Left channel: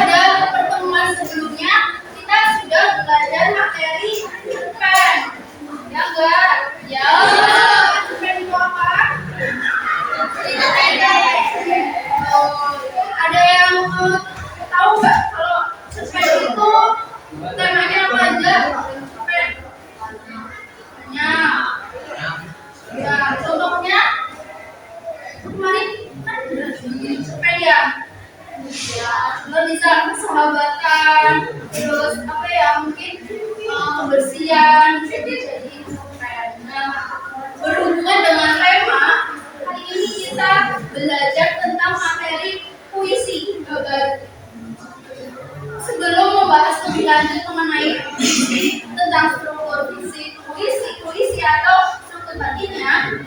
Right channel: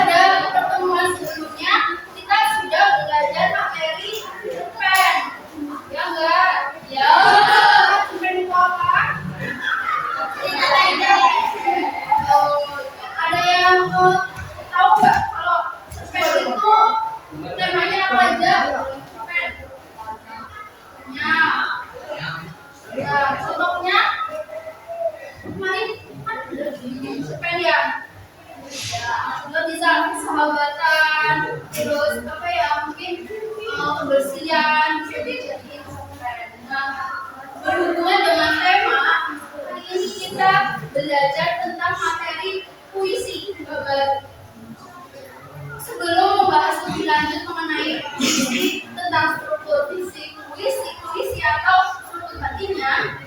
pada pertemuan sebelumnya kita sudah belajar materi cerpen, ya enggak? Ya. Cerpen itu apa? Ada yang tahu nggak kalau cerpen itu temanya apa aja? Cerpen. Ya, contohnya kemarin kan cerpen ya. Ya, contoh bisa persahabatan, terus apa ya, mungkin kebersihan bisa dijadiin cerpen. Nah, berhubungan dengan tema hari ini kita belajar tentang materi puisi. Sebelum membahas lebih lanjut mengenai puisi, tentang struktur fisik puisi atau struktur batinnya,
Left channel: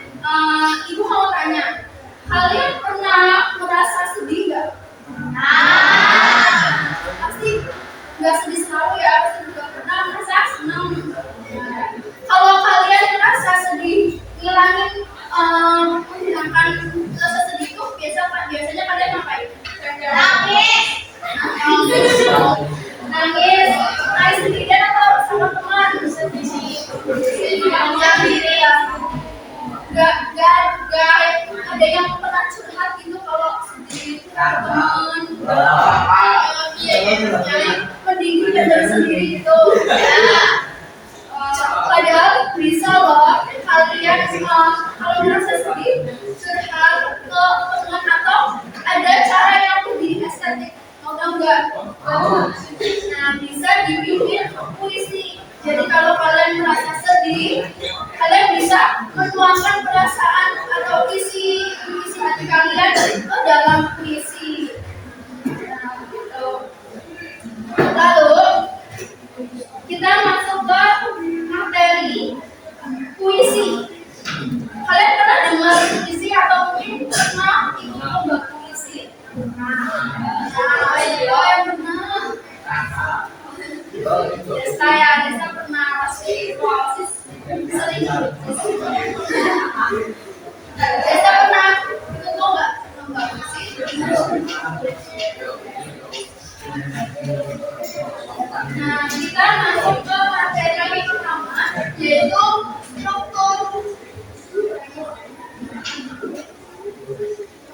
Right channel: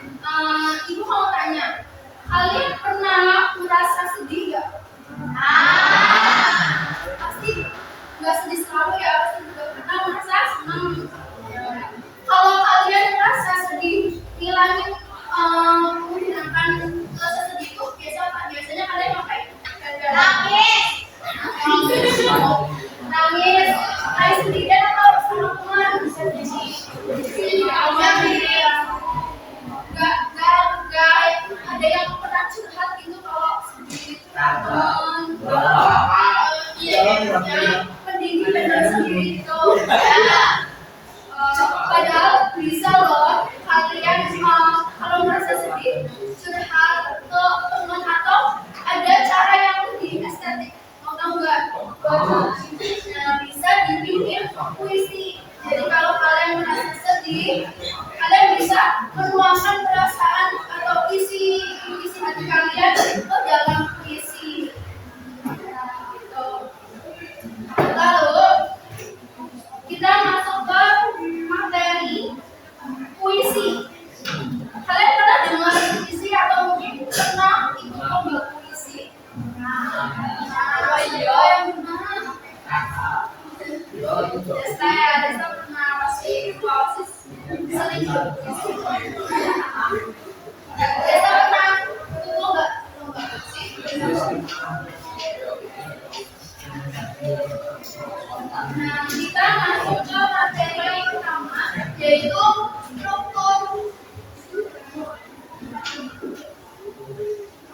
ibu mau tanya, kalian pernah merasa sedih nggak? Pasti nggak sedih selalu ya, pasti juga pernah merasa senang. Kalau kalian merasa sedih, menghilangkan rasa sedih itu biasanya kalian ngapain? Nangis sendirian atau sama teman? Gak ada yang pernah curhat gitu kalau sedih teman. Mending kita sendiri gitu. Padahal bisa loh kalian kalau merasa sedih curhat ke teman atau ada cara yang lebih estetik. Mau tahu nggak? Nah, bisa dibikin puisi. Jadi kalau kalian merasa sedih, kalian bisa menuangkan perasaan atau isi hati kalian ke dalam puisi. Nah, gitu. Lalu kita masuk ke materi puisi. Kalian pernah dengar puisi atau mungkin pernah ikut lomba puisi? Ayo yang benar. Desa pernah pasti sering ikut puisi. Desa pernah ikut lomba puisi? Nah, kita masuk ke materi pertama, yaitu struktur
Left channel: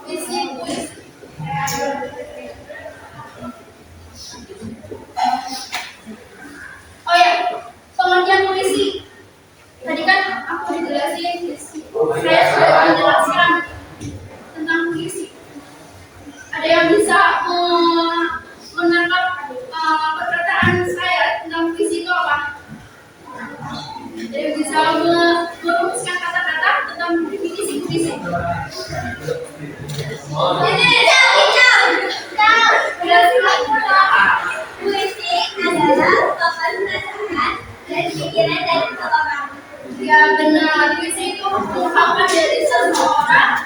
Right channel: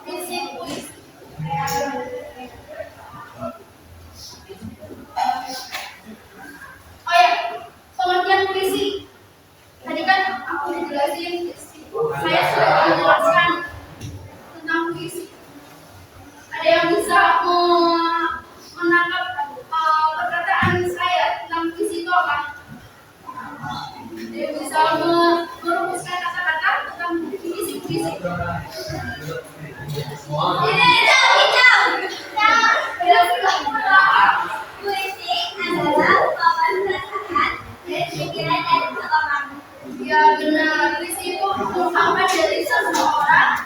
fisik puisi. Oh ya, pengertian puisi. Tadi kan aku dijelasin, saya sudah menjelaskan tentang puisi. Ada yang bisa menangkap perkataan saya tentang puisi itu apa? Ada yang bisa merumuskan kata-kata tentang definisi puisi. Puisi adalah ungkapan perasaan dan pikiran dari seseorang. Ya benar, puisi itu ungkapan dari seseorang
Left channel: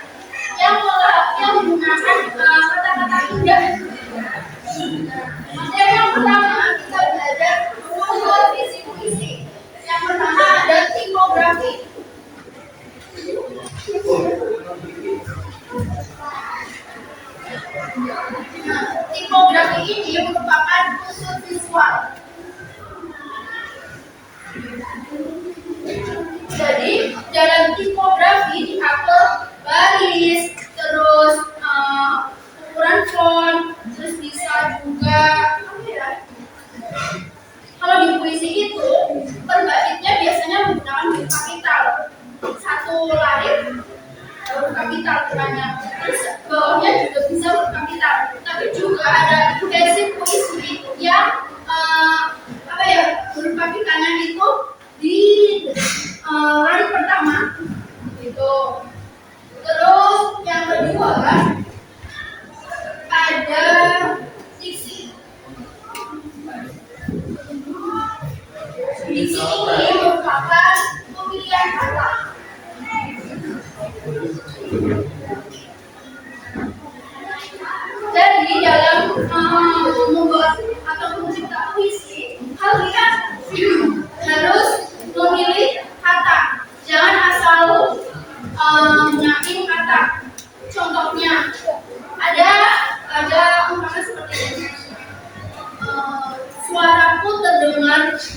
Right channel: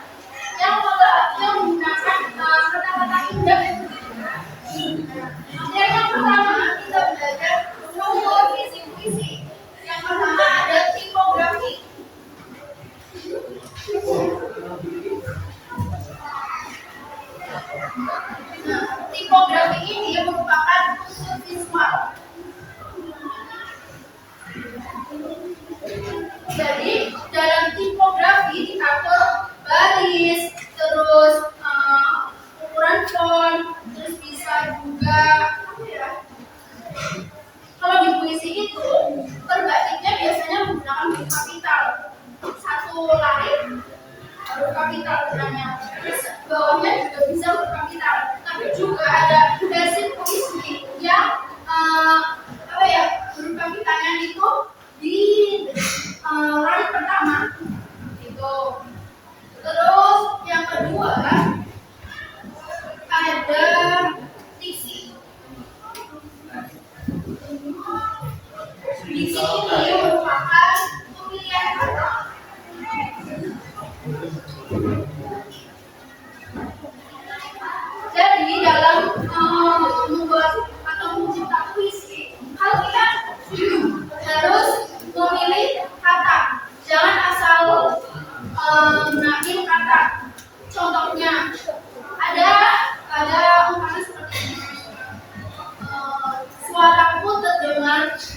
yang menggunakan kata-kata indah. Materi yang pertama kita belajar struktur fisik puisi. Yang pertama ada tipografi. Tipografi ini merupakan unsur visual. Jadi dalam tipografi diatur baris, terus ukuran font, terus bisa juga kalau di puisi itu terbaiknya biasanya menggunakan huruf kapital. Satu larik huruf kapital tengahnya, terus bawahnya juga bisa huruf kapital. Tapi juga ada versi puisi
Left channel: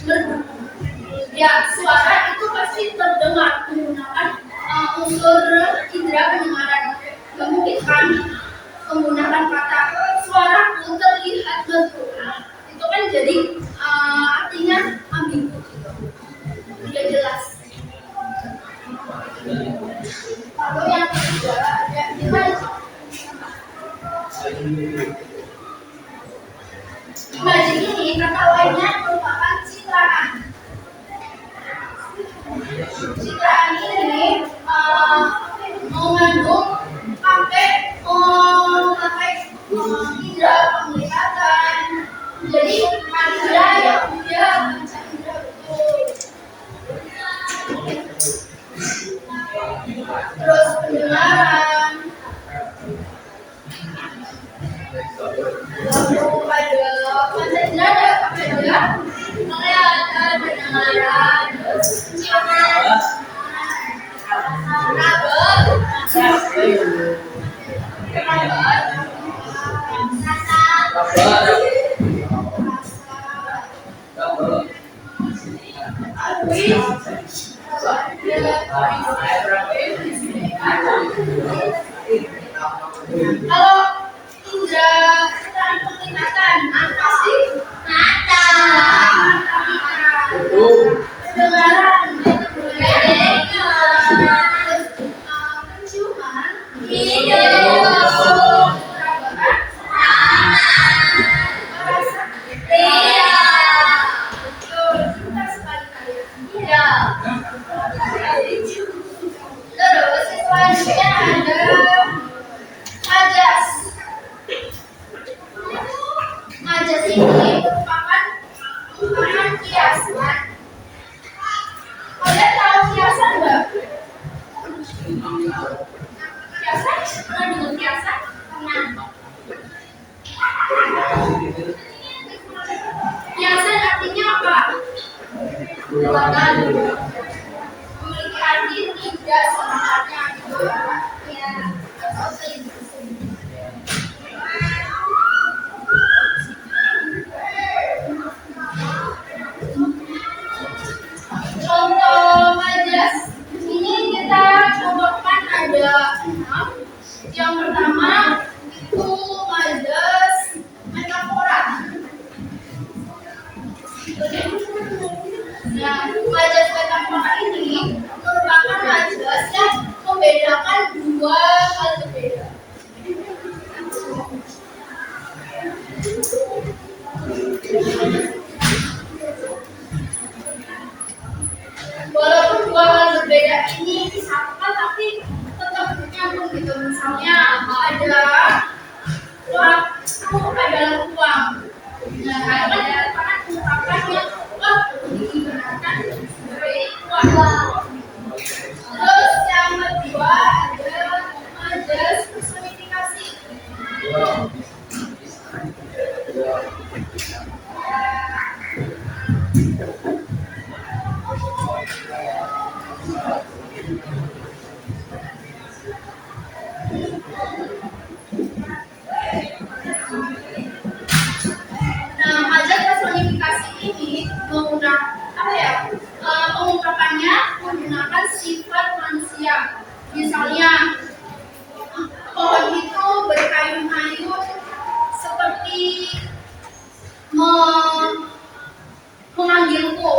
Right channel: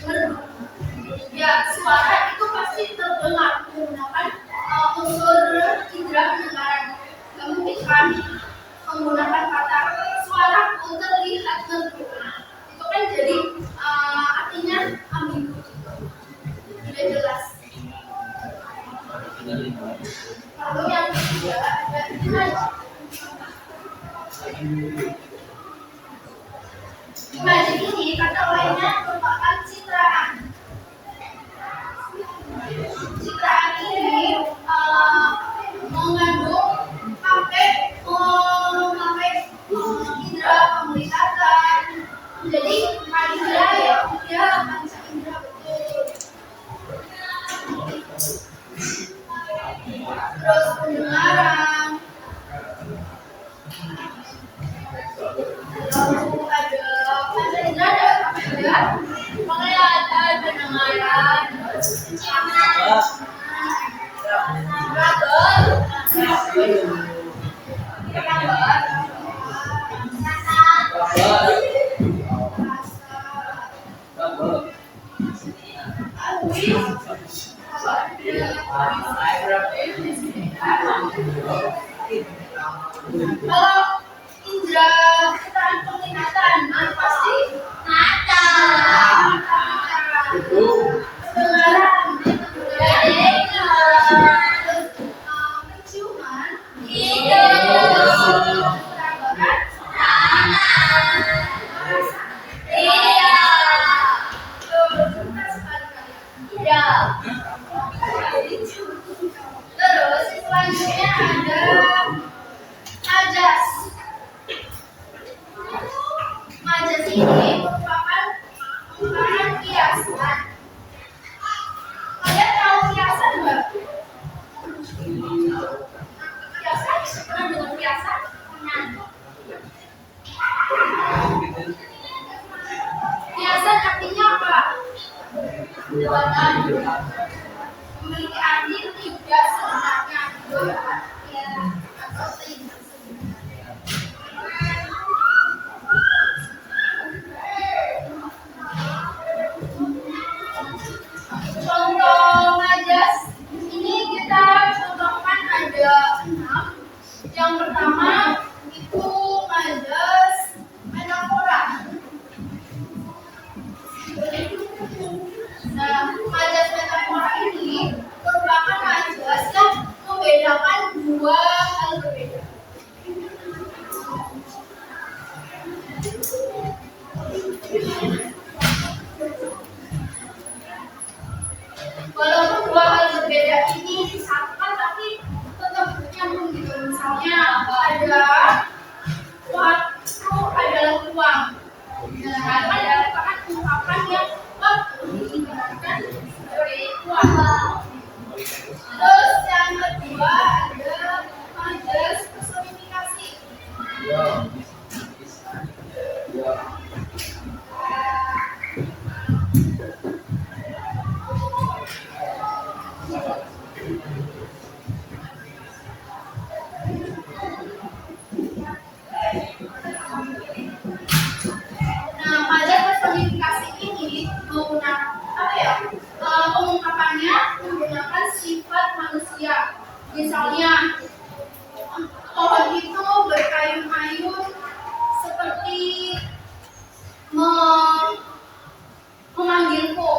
merdu. Ya, suara itu pasti terdengar menggunakan unsur indera pendengaran. Gak mungkin kan menggunakan kata suaraku terlihat merdu. Itu kan jadi artinya ambigu gitu. Tidak jelas. Lalu yang ketiga ada imaj. Imaj ini kata lainnya merupakan citraan. Citraan ini mengandung pakai indera penglihatan. Jadi indera yang punya panca indera betul. Terus pendengaran. Lalu ada panca indera ada apa aja? Penglihatan, pendengaran, ciuman, kalau indra keterangan penglihatan apa sih? Mata. Pendengaran, penciuman, hidung, terus selanjutnya ada majas. Majas ini merupakan kiasan. Kalian tahu kiasan nggak? Kiasan? Pernah dengar kiasan? Pernah. Kiasan artinya apa? Buatan. Memiliki arti tidak sebenarnya gitu ya. Atau contoh majas ini kita contohkan ada 6. Yang pertama itu majas metafora. Nah, majas metafora ini merupakan majas yang membedakan dua hal berbeda. Walaupun dua hal berbeda ini disatukan tapi tetap nyambung gitu. Misalnya ada waktu adalah uang. Nah, kan ada ungkapan yang waktu diibaratkan sebagai uang. Terus yang kedua ada majas personifikasi. Nah, majas personifikasi ini pengungkapannya menggunakan sifat manusia. Misalnya, pohon itu berkayun-ayun seperti memanggilku.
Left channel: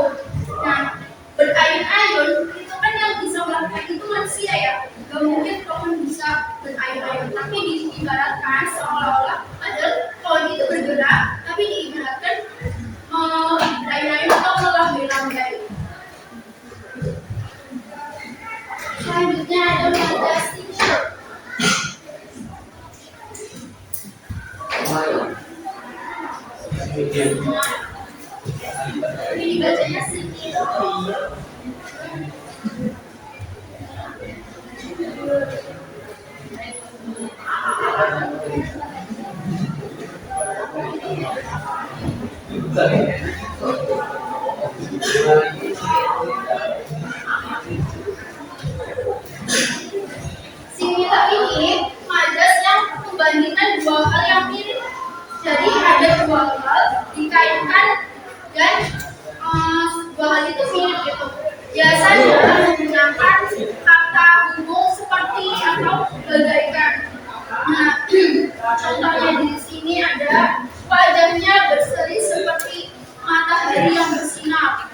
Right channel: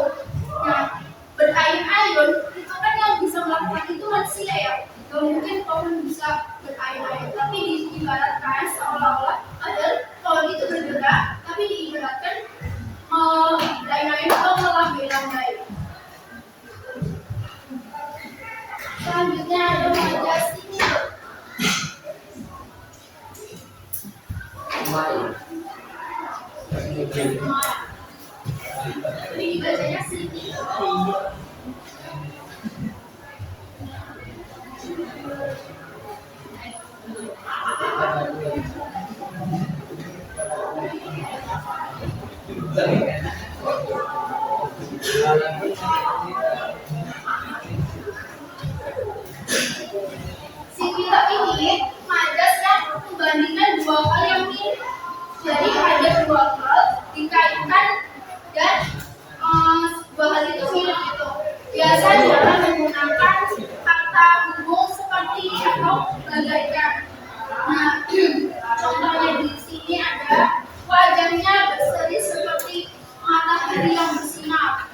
Nah, berayun-ayun itu kan yang bisa melakukan itu manusia ya. Gak mungkin pohon bisa berayun-ayun, tapi diibaratkan seolah-olah ada pohon itu bergerak, tapi diibaratkan berayun-ayun atau melambai-lambai. Selanjutnya ada majas sinyal. Ini dibacanya sinyal. Sinyal ini majas yang membandingkan dua hal yang mirip. Jadi ada dua hal dikaitkan dan biasanya menggunakan kata umum seperti atau bagaikan. Nah, contohnya di sini ada wajahnya berseri seperti matahari yang bersinar.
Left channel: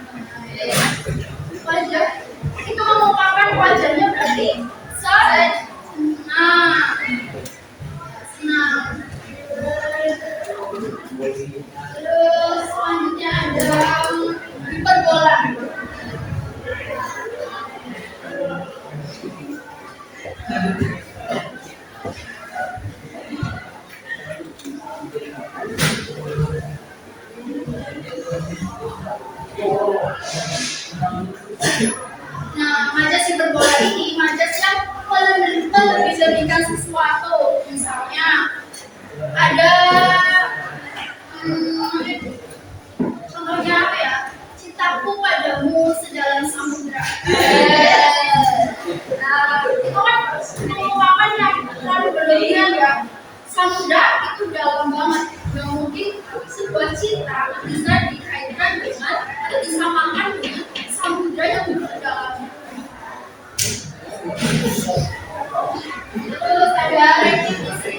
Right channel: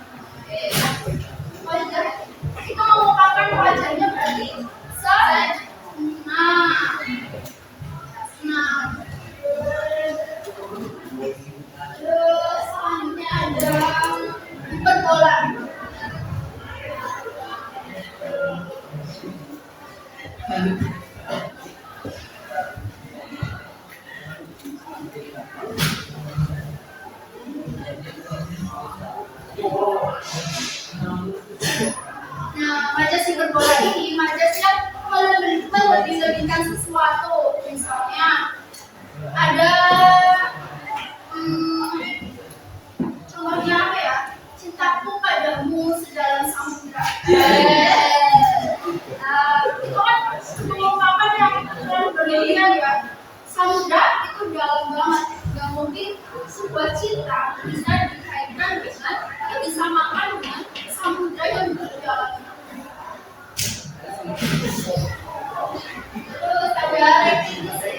Wajah itu mengumpulkan wajahnya berarti seret. Nah, terus selanjutnya ada hiperbola. Nah, majas hiperbola ini majas yang melebih-lebihkan sesuatu. Misalnya ada contohnya apa ya? Cintaku padamu sedalam samudra. Nah, itu kan pengungkapan yang terlalu berlebihan ya. Samudra itu dalam banget. Gak mungkin sebuah cinta bisa dikaitkan dengan disamakan dengan samudra yang berdalam. Terus ada repetisi.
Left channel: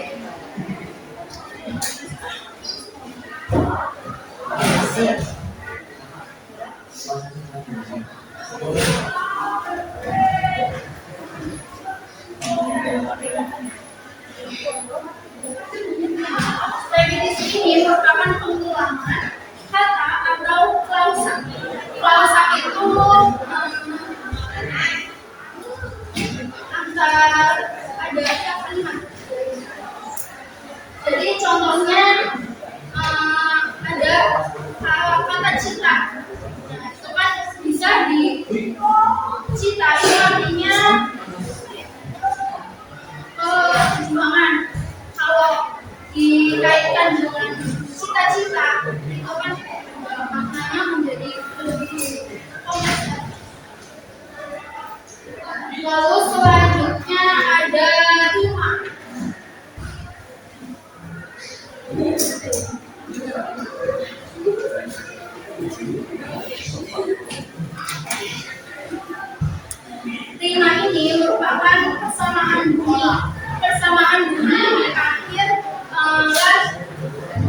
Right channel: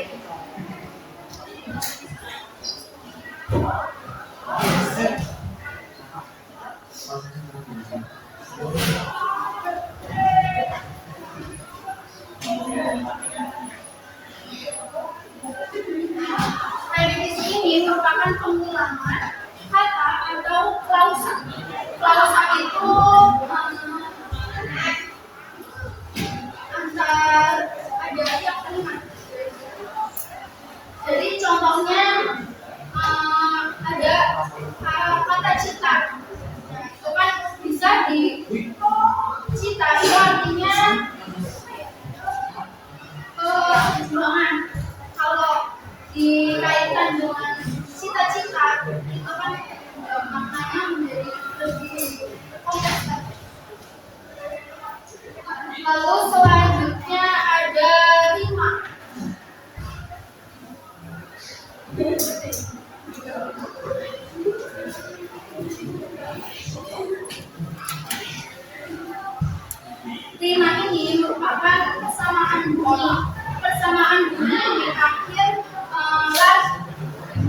Repetisi ini merupakan pengulangan kata atau klausa. Klausa itu antar ada yang kalimat. Jadi contohnya ada kata cinta. Nah, itu kan bisa dicita itu artinya perjuangan. Kalau dikaitkan dengan cita-cita itu kan maknanya menjadi lebih kompleks. Lalu selanjutnya ada rima. Rima ini merupakan persamaan bunyi di akhir las.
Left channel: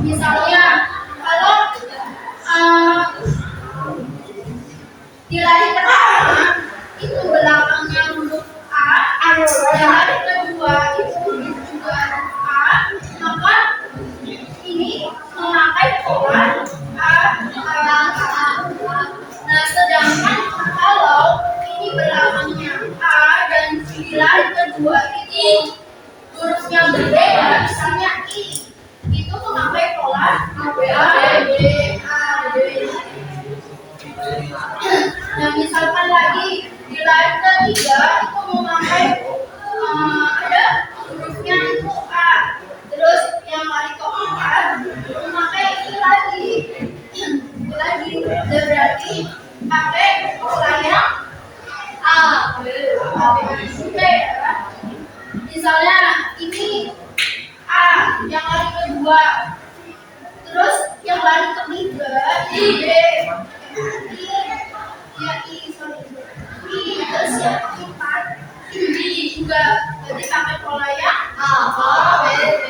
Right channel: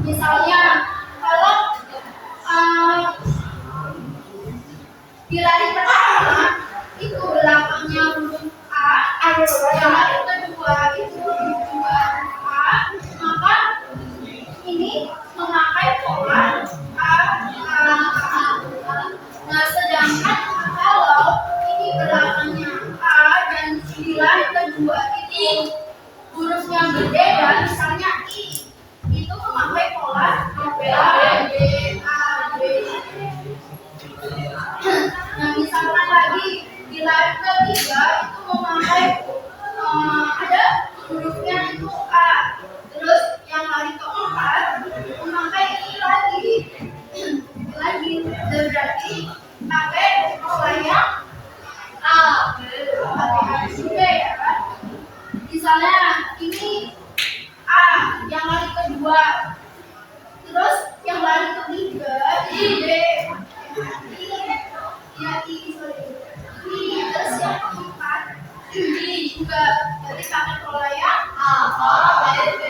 Misalnya kalau di lari pertama itu belakangnya huruf A, di lari kedua itu juga A, maka ini memakai pola A. Nah, sedangkan kalau ini belakangnya A dan di lari kedua itu hurufnya berbeda, misalnya I, itu memakai pola A, B, A, B. Nah, misalkan lagi di lari ketiga itu memakai ada hurufnya itu A. Terus yang lari keempat memakai I lagi. Berarti pakai pola yang A, B ya. Misalnya ini A yang lari kedua, terus yang lari ketiga I, B. I, terus yang keempat I juga, berarti pakai pola yang A, B, B.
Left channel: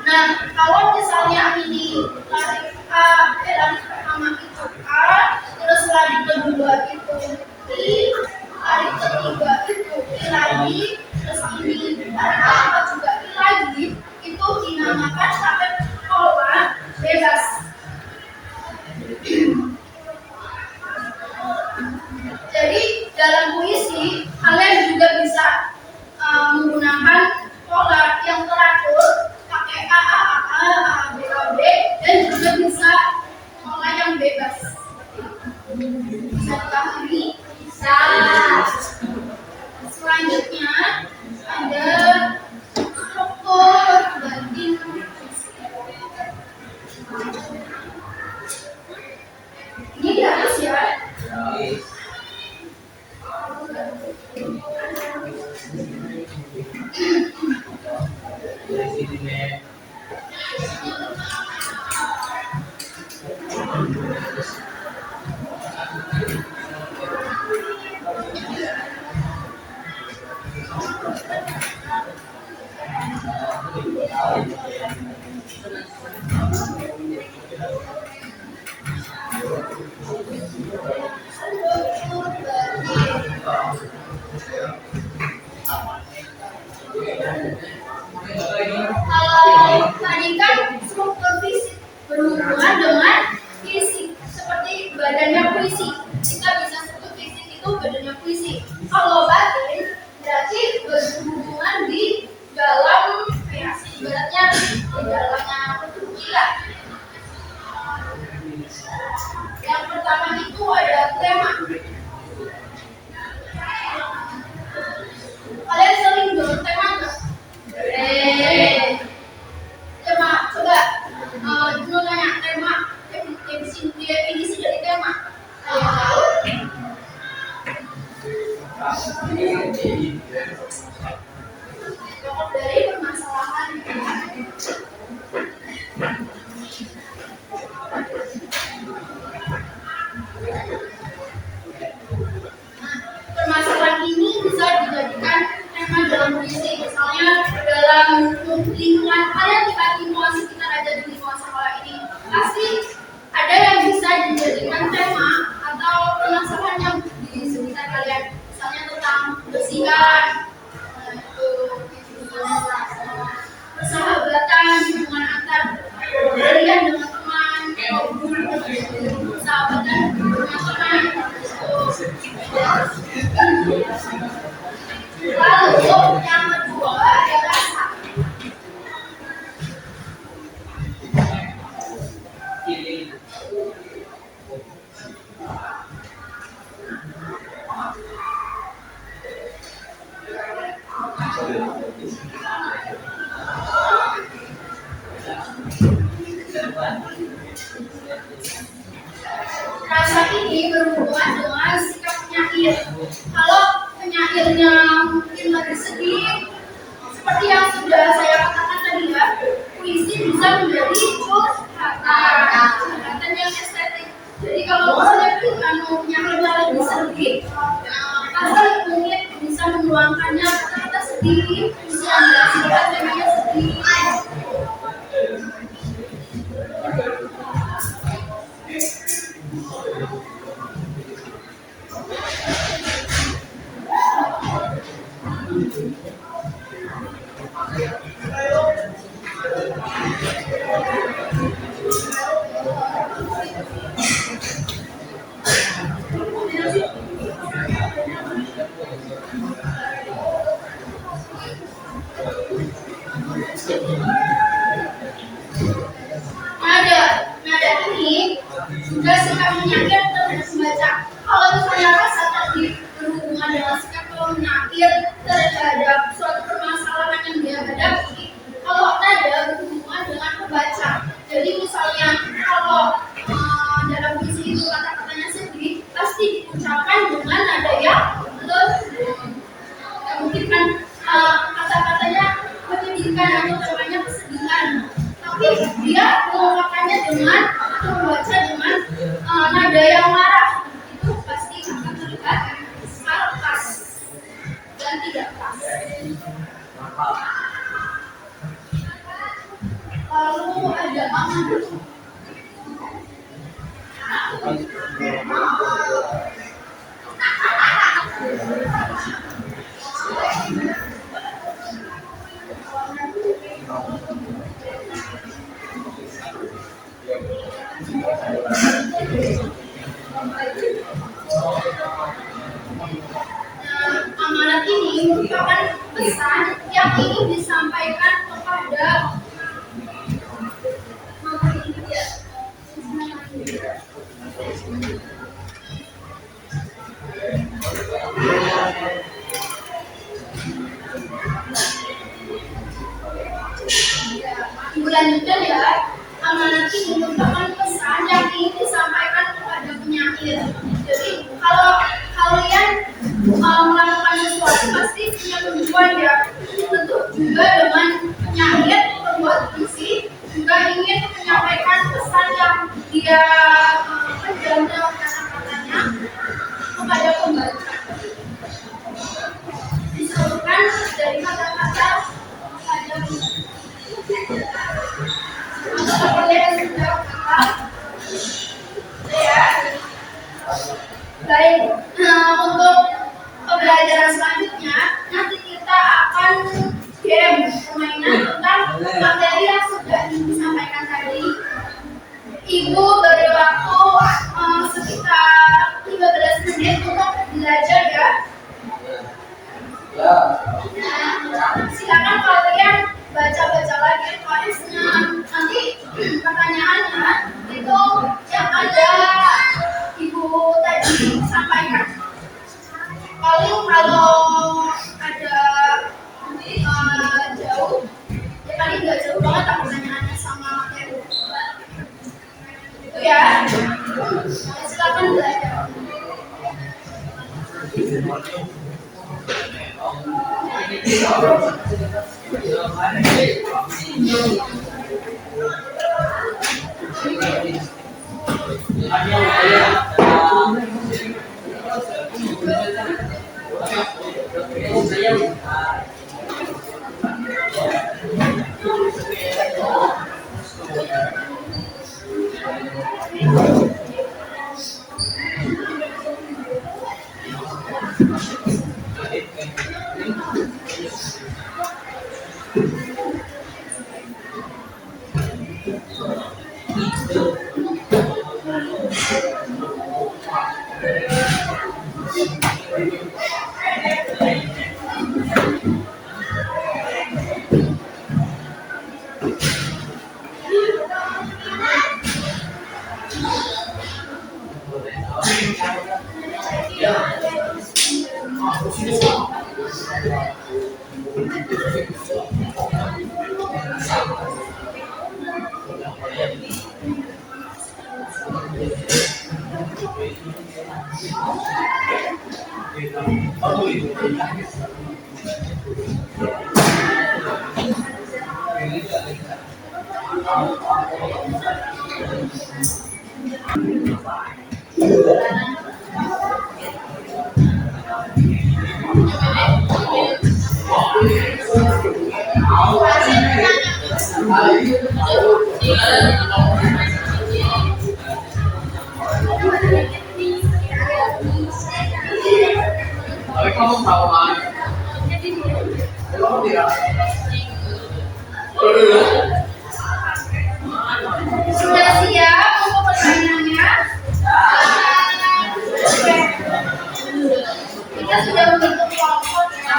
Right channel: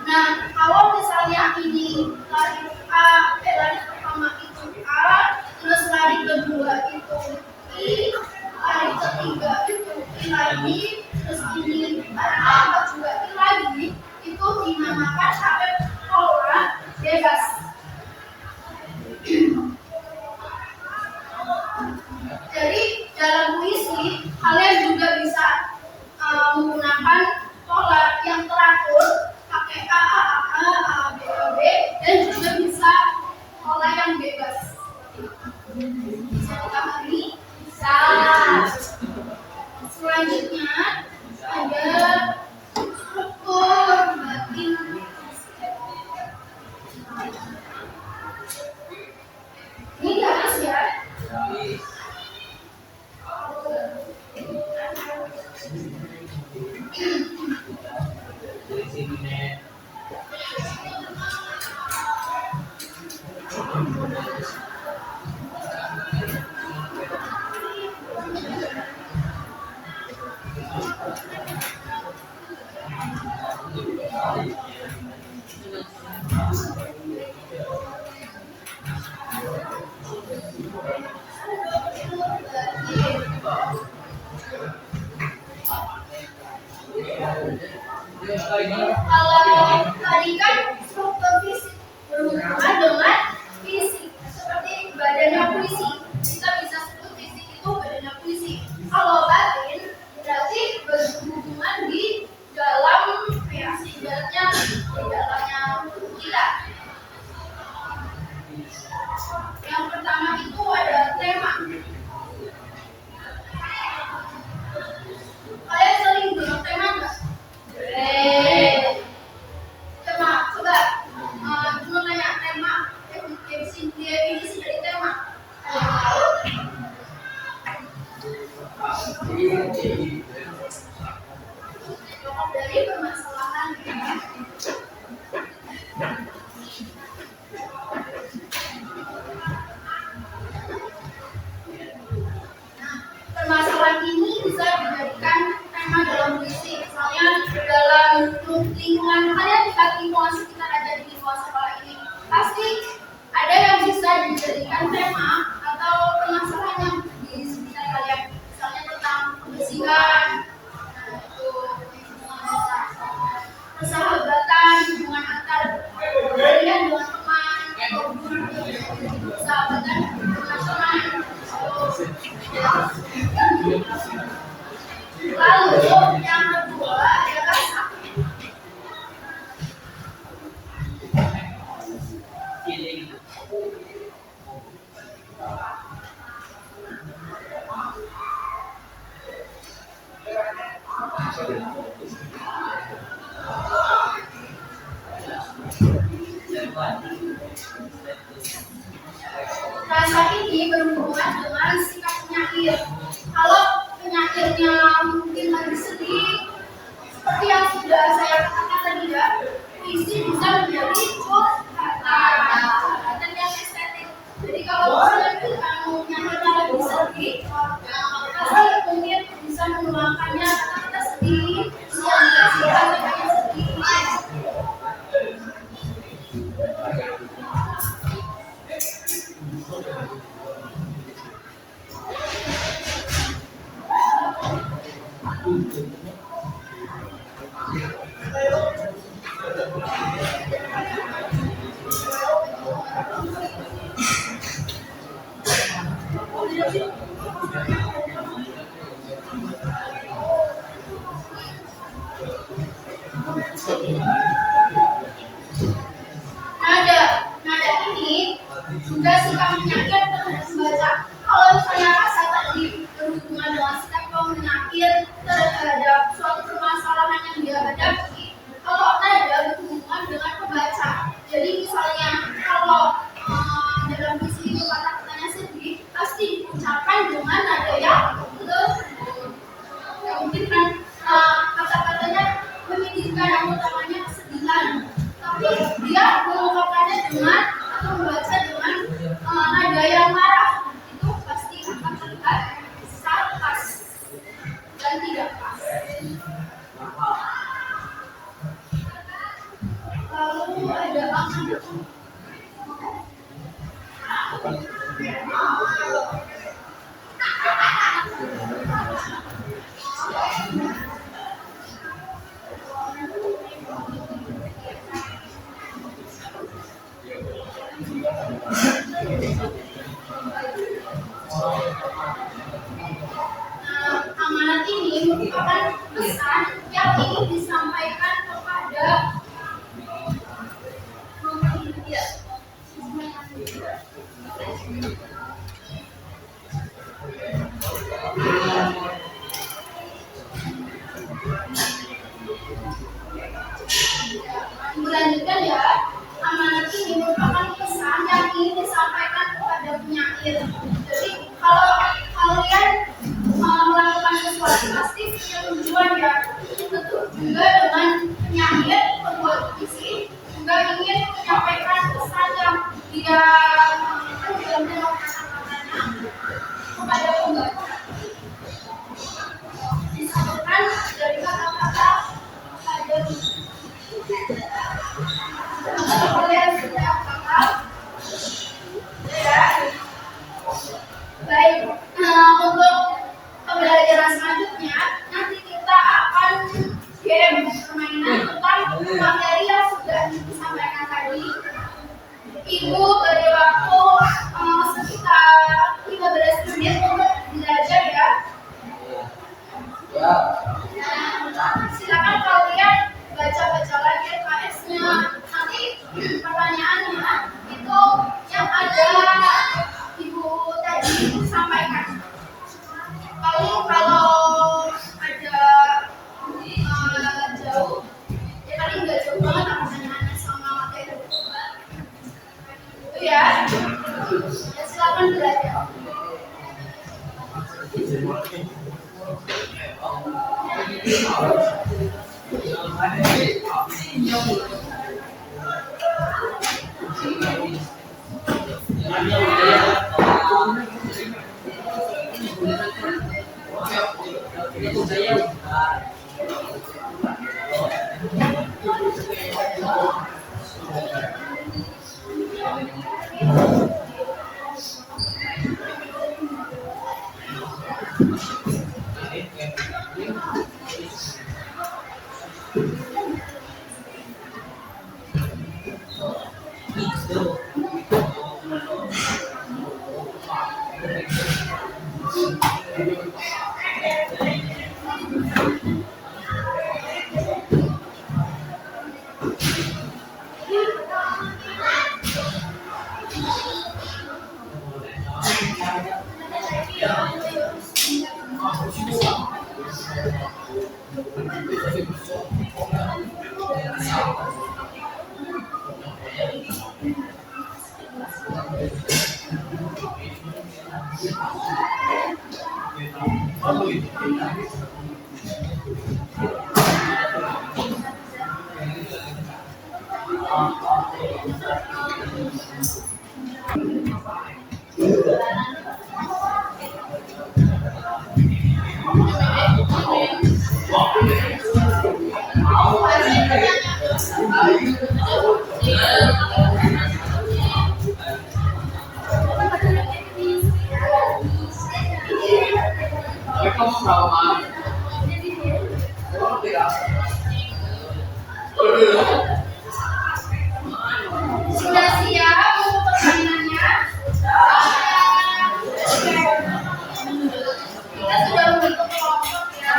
Nah, kalau misalnya ini lari pertama itu A, terus lari kedua itu I, lari ketiga itu I lagi, terus ini lari keempat juga I lagi, itu dinamakan pakai pola bebas. Jadi dalam puisi kalian juga bisa menggunakan pola yang teratur pakai A, B, B, dan juga bisa pola yang bebas. Bisa dipahami? Bisa. Selanjutnya ada struktur batin. Ini harus ya. Kalau tadi kan struktur fisik berhubungan dengan fisik, seperti badannya puisi. Kita bisa struktur fisik itu badannya puisi. Kalau batin berarti berhubungan di dalam ibaratnya di dalamnya kita. Yang pertama itu ada tema. Kalian sering dengar tema nggak? Tema, coba cuma tanya tema, definisi dari tema. Pokok dari permasalahan. Permasalahan ini bisa dijadikan tema dalam puisi. Misalnya dalam lingkungan kalian, lihat lingkungan sekitar aja di lingkungan sekolah ini, pasti ada yang bisa dijadikan tema atau permasalahan yang di sekitar kalian. Misalnya tentang kebersihan, persahabatan, hubungan antar kalian dengan teman, atau guru persahabatan dengan teman. Lalu yang kedua ada rasa. Rasa ini berhubungan dengan sikap penyair. Kalau penyairnya mungkin lagi sedih, seperti yang sudah saya katakan tadi ya, puisi bisa menjadi curhatan yang estetik. Jadi kalau misalnya penyairnya lagi sedih, pasti mungkin bisa menuangkannya kata-kata sedih, bisa menjelaskan temanya sedih. Nada ini juga sikap menyair terhadap pembaca. Kalau misalnya rasa tadi berhubungan dengan sikap penyair terhadap suatu permasalahan yang dia hadapi, kalau nada berhubungan dengan pembaca. Jadi misalnya kalau dalam puisi itu kata-katanya sedih, pasti diucapkan dengan nada yang lembut. Ya, mungkin kan kata-katanya menyedihkan atau namanya kesedihan, tapi dia mengungkapkannya dengan atau membaca dengan nada yang marah. Itu pasti akan terlihat sarkas dan tidak pas. Lalu ada amanat. Amanat ini merupakan pesan yang ingin disampaikan kepada Lanjutkan ya, amanat ini merupakan pesan yang ingin disampaikan kepada penyair. Jadi kalau kalian melakukan sesuatu pasti punya tujuan ya. Tentu juga dengan penyair, pembuat puisi juga ingin menyampaikan pesan yang dia dalam kata-katanya kepada pembaca. Disalurkan dari kata-kata pada Ibu beri waktu sekitar 15 menit untuk belajar ya. Nah, silakan kalian baca-baca lagi UKS-nya. Nanti pertanyaannya itu yang ada Ibu tadi sampaikan. Paling kalau ada jauh, ya paling nggak jauh banget lah pertanyaannya sama materi. Itu ya. Silakan belajar. Sudah siap untuk pertanyaannya? Oke. Kita sudah membentuk kelompok ya.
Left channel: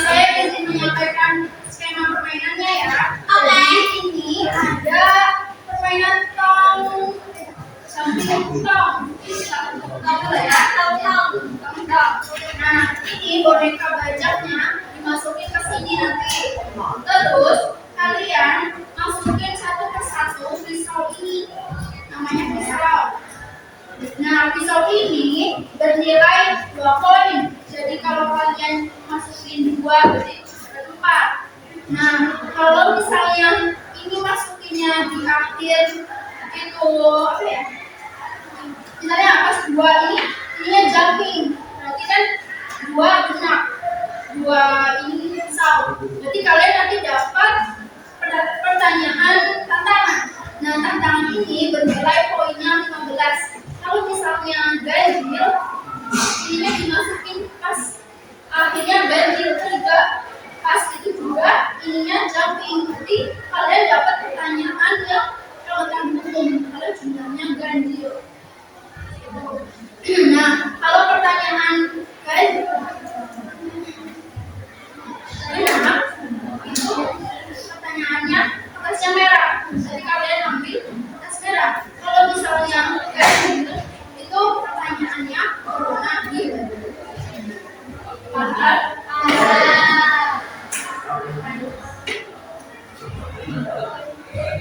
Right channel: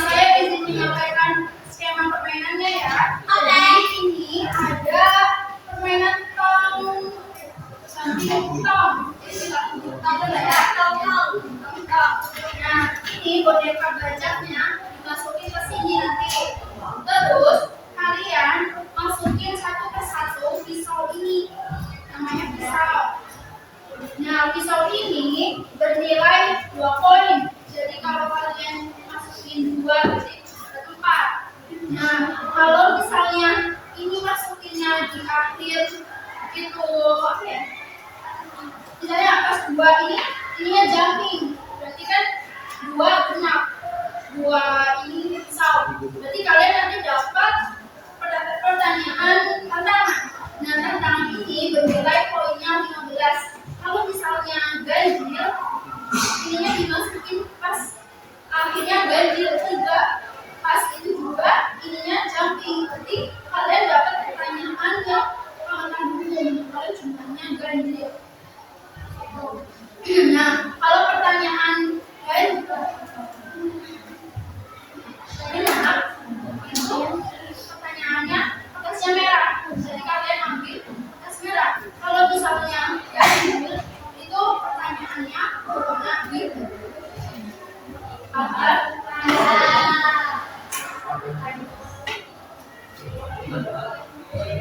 Saya izin menyampaikan skema permainannya ya. Oke. Ini ada permainan tong. Nah, ini boneka bajaknya dimasukin ke sini nanti. Terus kalian masukin satu persatu pisau ini, namanya pisau. Nah, pisau ini bernilai 2 koin. Jadi kalau kalian masukin 2 berarti ada 4. Nah, kalau misalnya ini masukinnya di akhir itu apa ya? Misalnya pas 2 ininya jumping. Berarti kan 2 genap. 2 ini pisau. Berarti kalian nanti dapat pertanyaan tantangan. Nah, tantangan ini bernilai poinnya 15. Kalau misalnya ganjil, ininya dimasukin pas akhirnya ganjil 3, pas itu juga ininya jumping. Berarti kalian dapat pertanyaan yang kelewatan hukum kalau jumlahnya ganjil. Nah, kalau pertanyaan ganjil benar, itu pertanyaannya kertasnya merah. Jadi kalian ambil kertas merah. Kalau misalnya ganjil, itu pertanyaannya berwarna biru. Paham?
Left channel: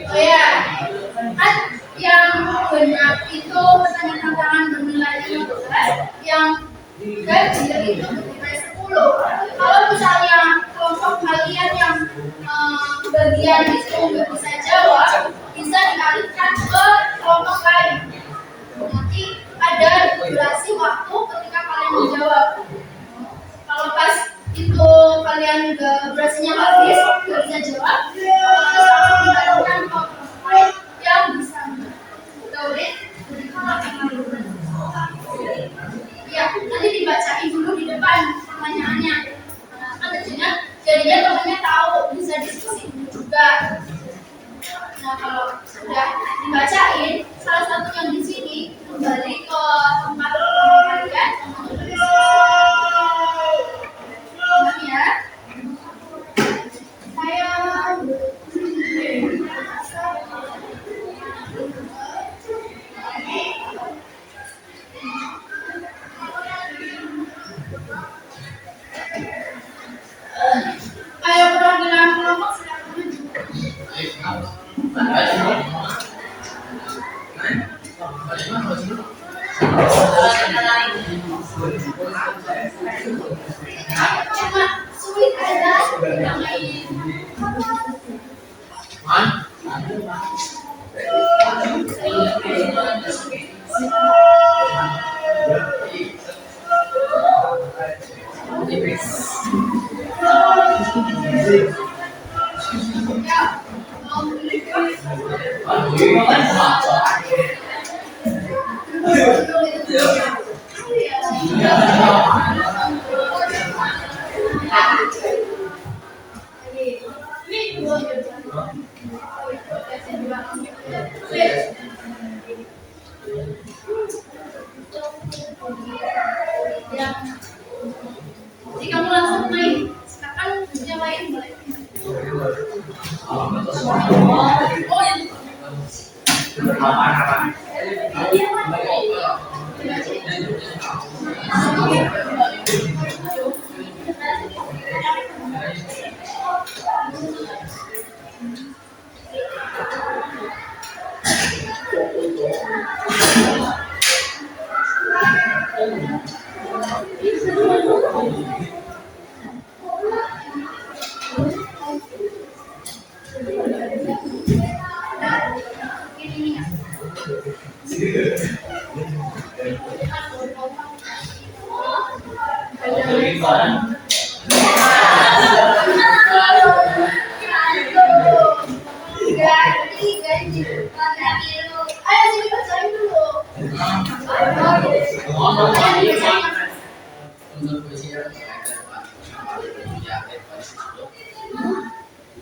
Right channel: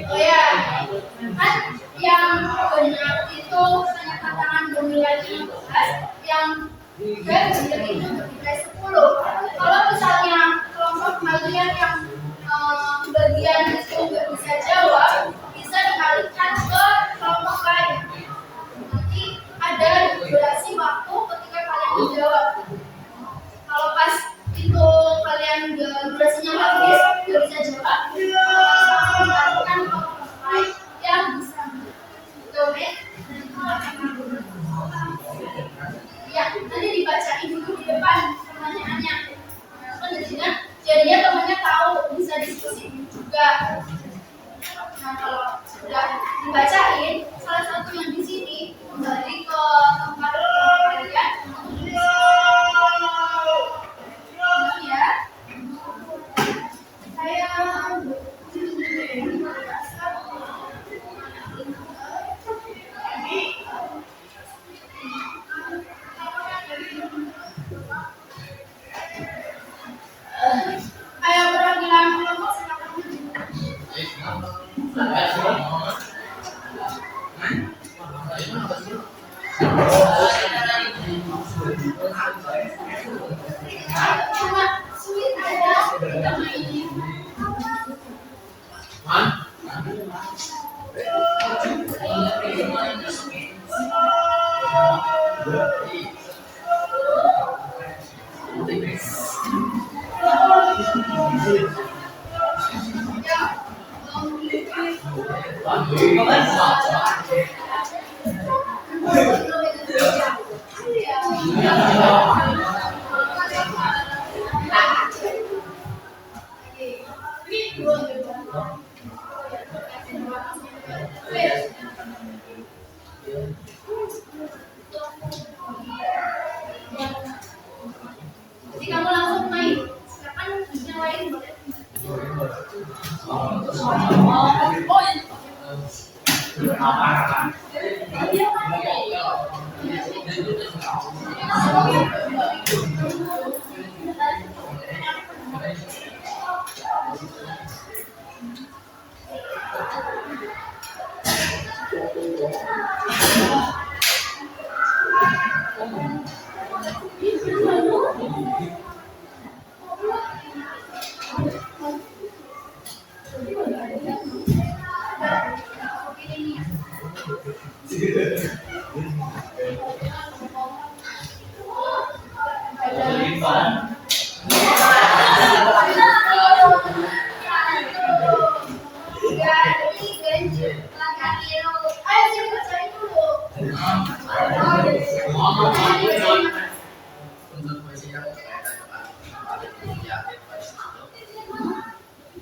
Oh ya, kan yang benar itu pertanyaan tantangan bernilai 15, yang ganjil itu bernilai 10. kalian itu nggak bisa jawab, bisa dialihkan ke kelompok lain. Nanti ada durasi waktu ketika kalian menjawab. Kalau pas itu kalian juga durasinya habis, nggak bisa jawab, otomatis langsung dialihkan ke kelompok lain yang bisa. Betul deh? Ya, nanti dibacain dulu di depan pertanyaannya. Nah, kan jadinya temannya tahu, bisa diskusi juga. Nah, kalau sudah dibacain, salah satu yang di sini kembali ke tempat kalian untuk tulis. Ya, saya ayo perwakilan kelompok silakan maju. Cuma sulit aja kita main. Jadi kamu langsung main. Silakan yang lain boleh. Oh itu. Ayo sini bacain dulu.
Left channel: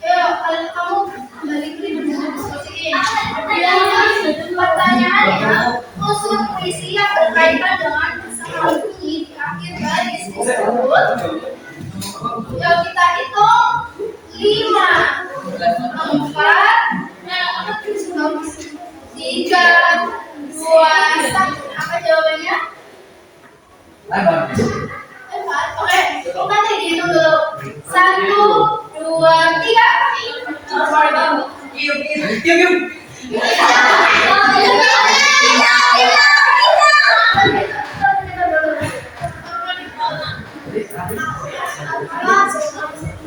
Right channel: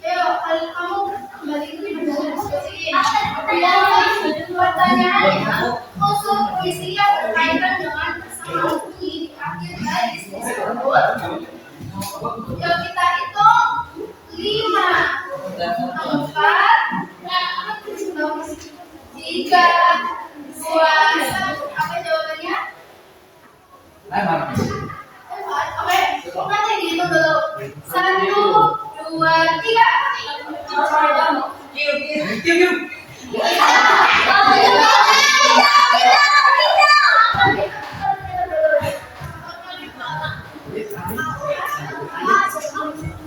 Ayo, kamu kembali ke diskusiin. Pertanyaannya, unsur puisi yang berkaitan dengan pasangan bunyi di akhir baris tersebut. Yuk kita hitung 5, 4, 3, 2, 1. Apa jawabannya? 4. Oke, kita dihitung dulu. 1, 2, 3.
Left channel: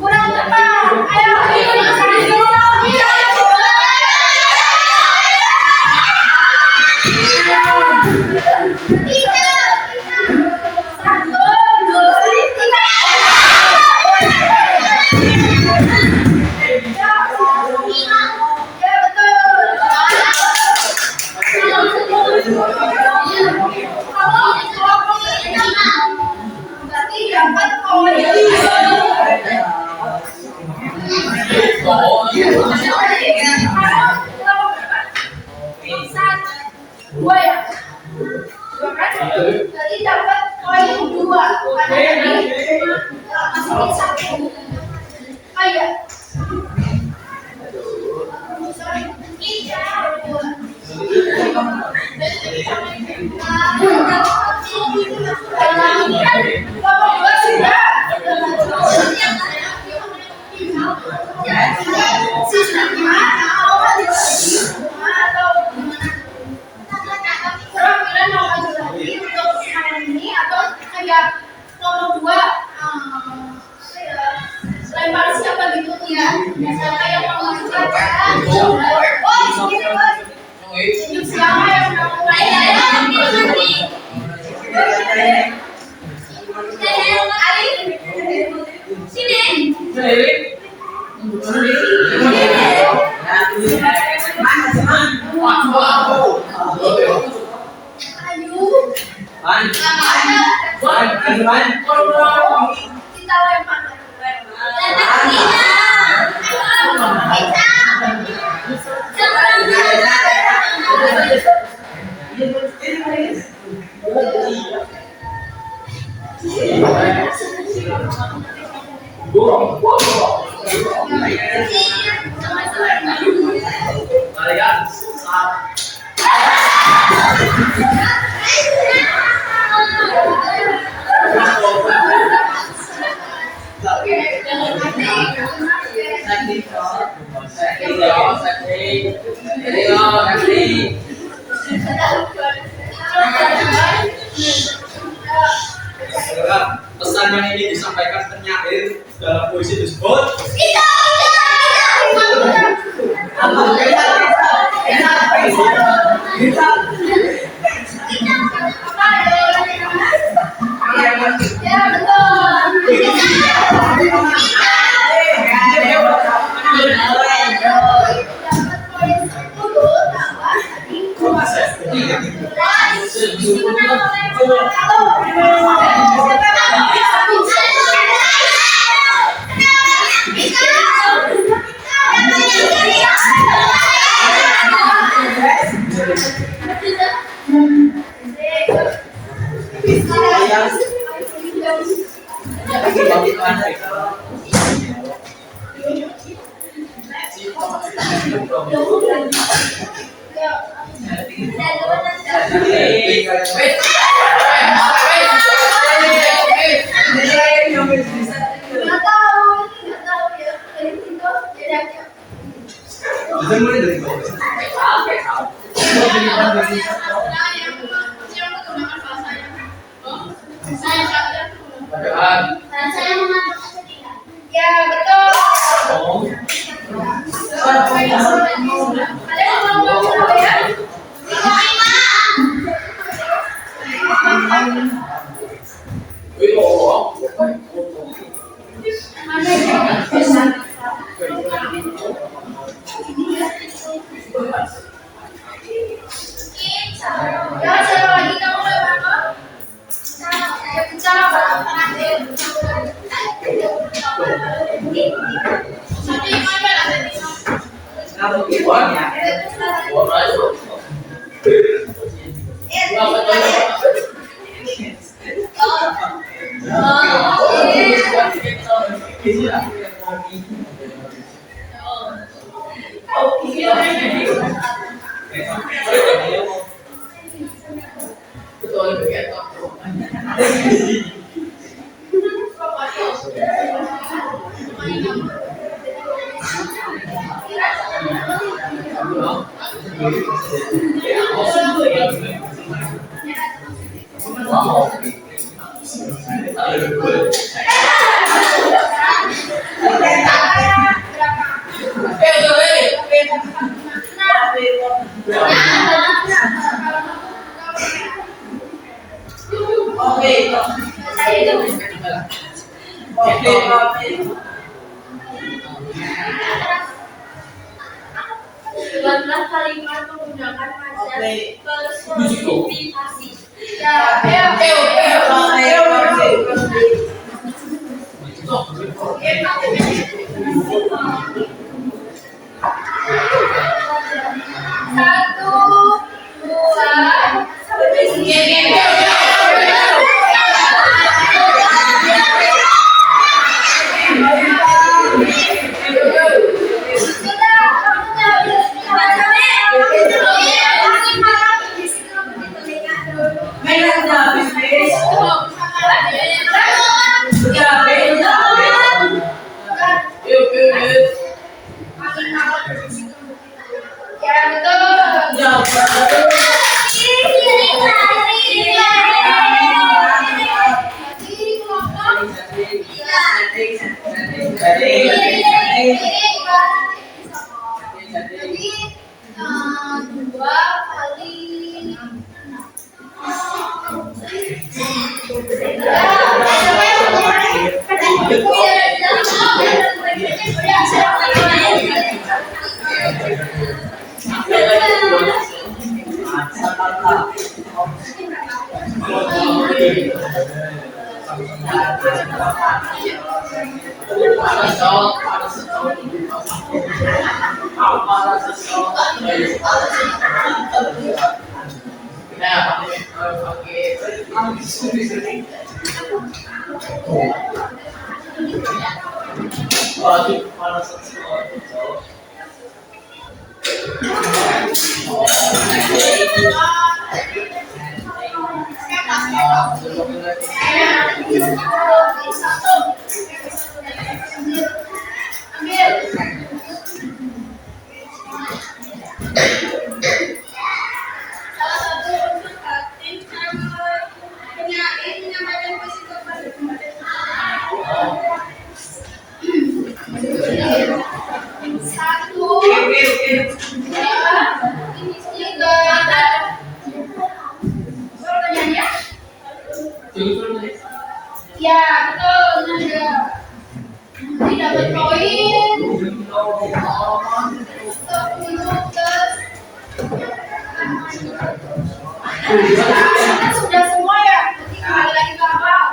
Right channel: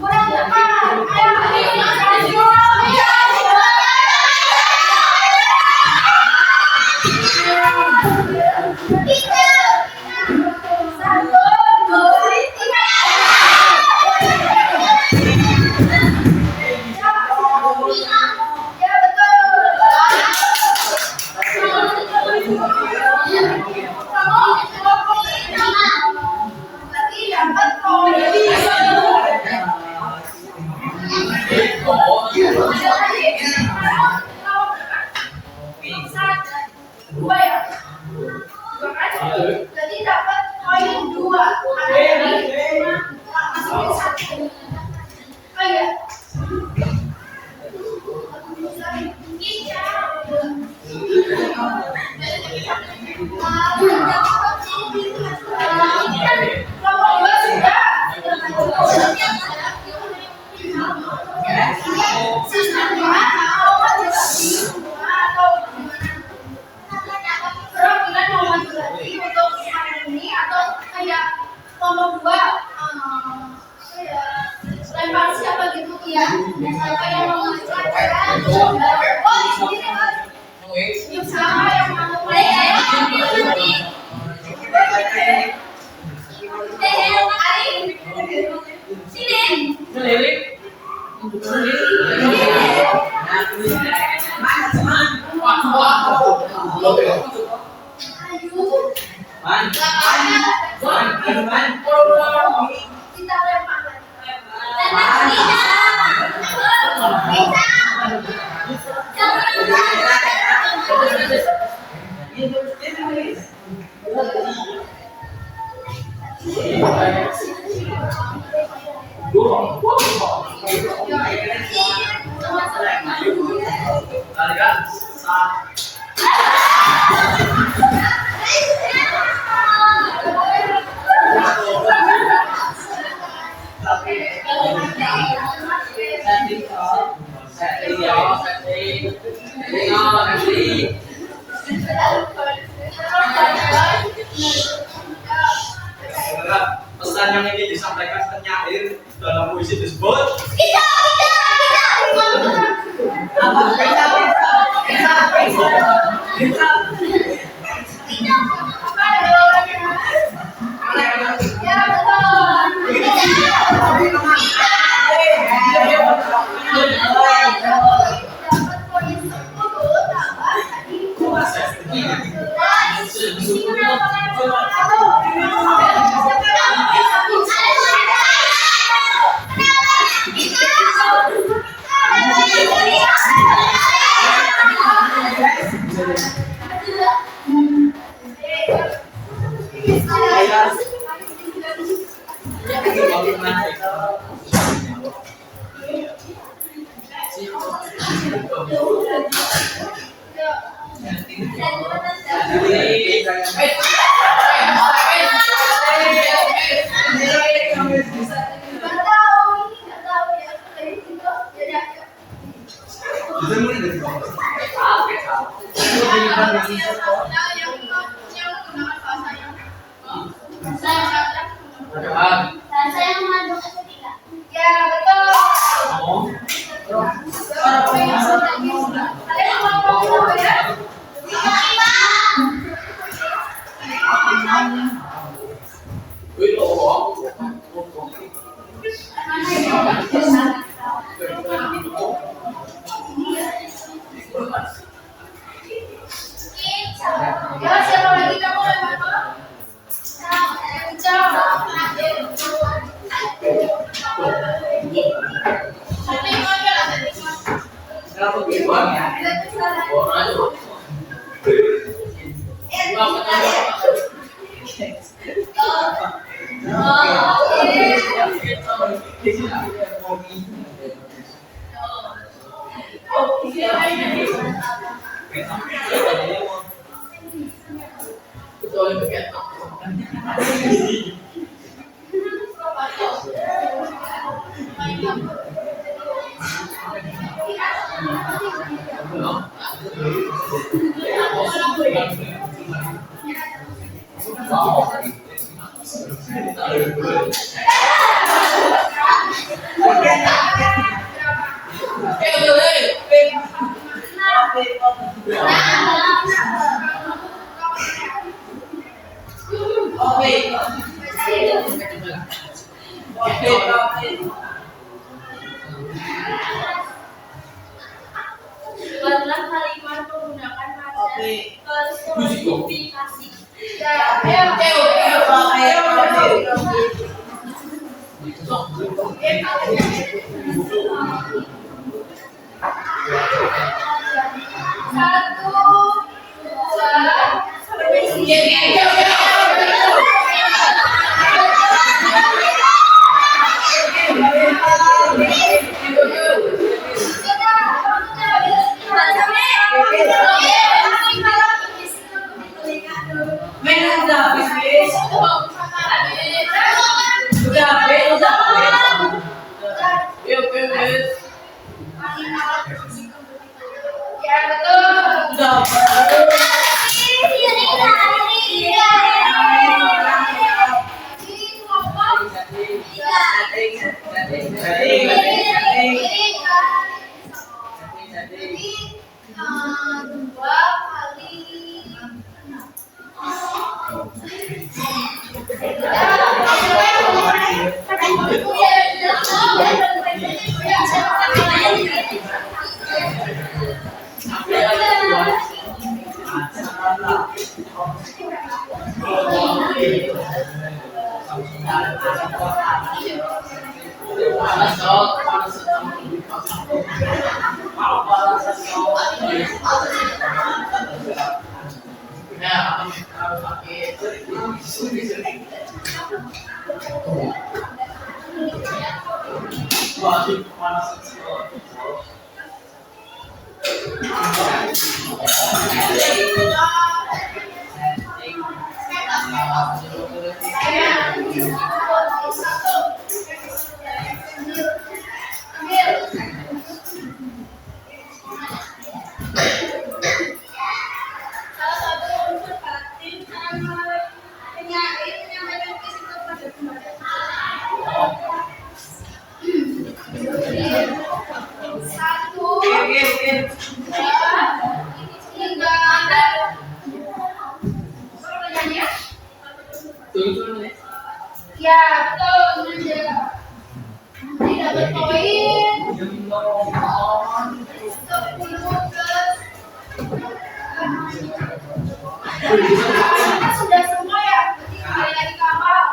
Kurang tepat. Ayo, jadi dapat poin 2 karena tadi cuma masukin 1. Ayo. Sistemnya atau gimana? Perwakilan mau maju lagi untuk hari ini atau kayak nomor 2 lempar siapa gitu ya? Siapa yang mau maju Tunjuk siapa yang mau mulai. Sini. Kita lempar. Pesan yang ingin disampaikan penyair dalam puisi tersebut. Ya betul. Kalian mau apa ya? Ya siapa lagi kamu lewat? Buatlah kalimat menggunakan azas personifikasi. Ya, Satu, dua, ya betul. Satu. Ambil. Salah satu unsur batin penyair menyampaikan puisi kepada satu, dua, tiga. Pertanyaannya? Ya, betul. Nanti dapat poin. Kita sudah semua ya. Nanti kembali lagi ke awal.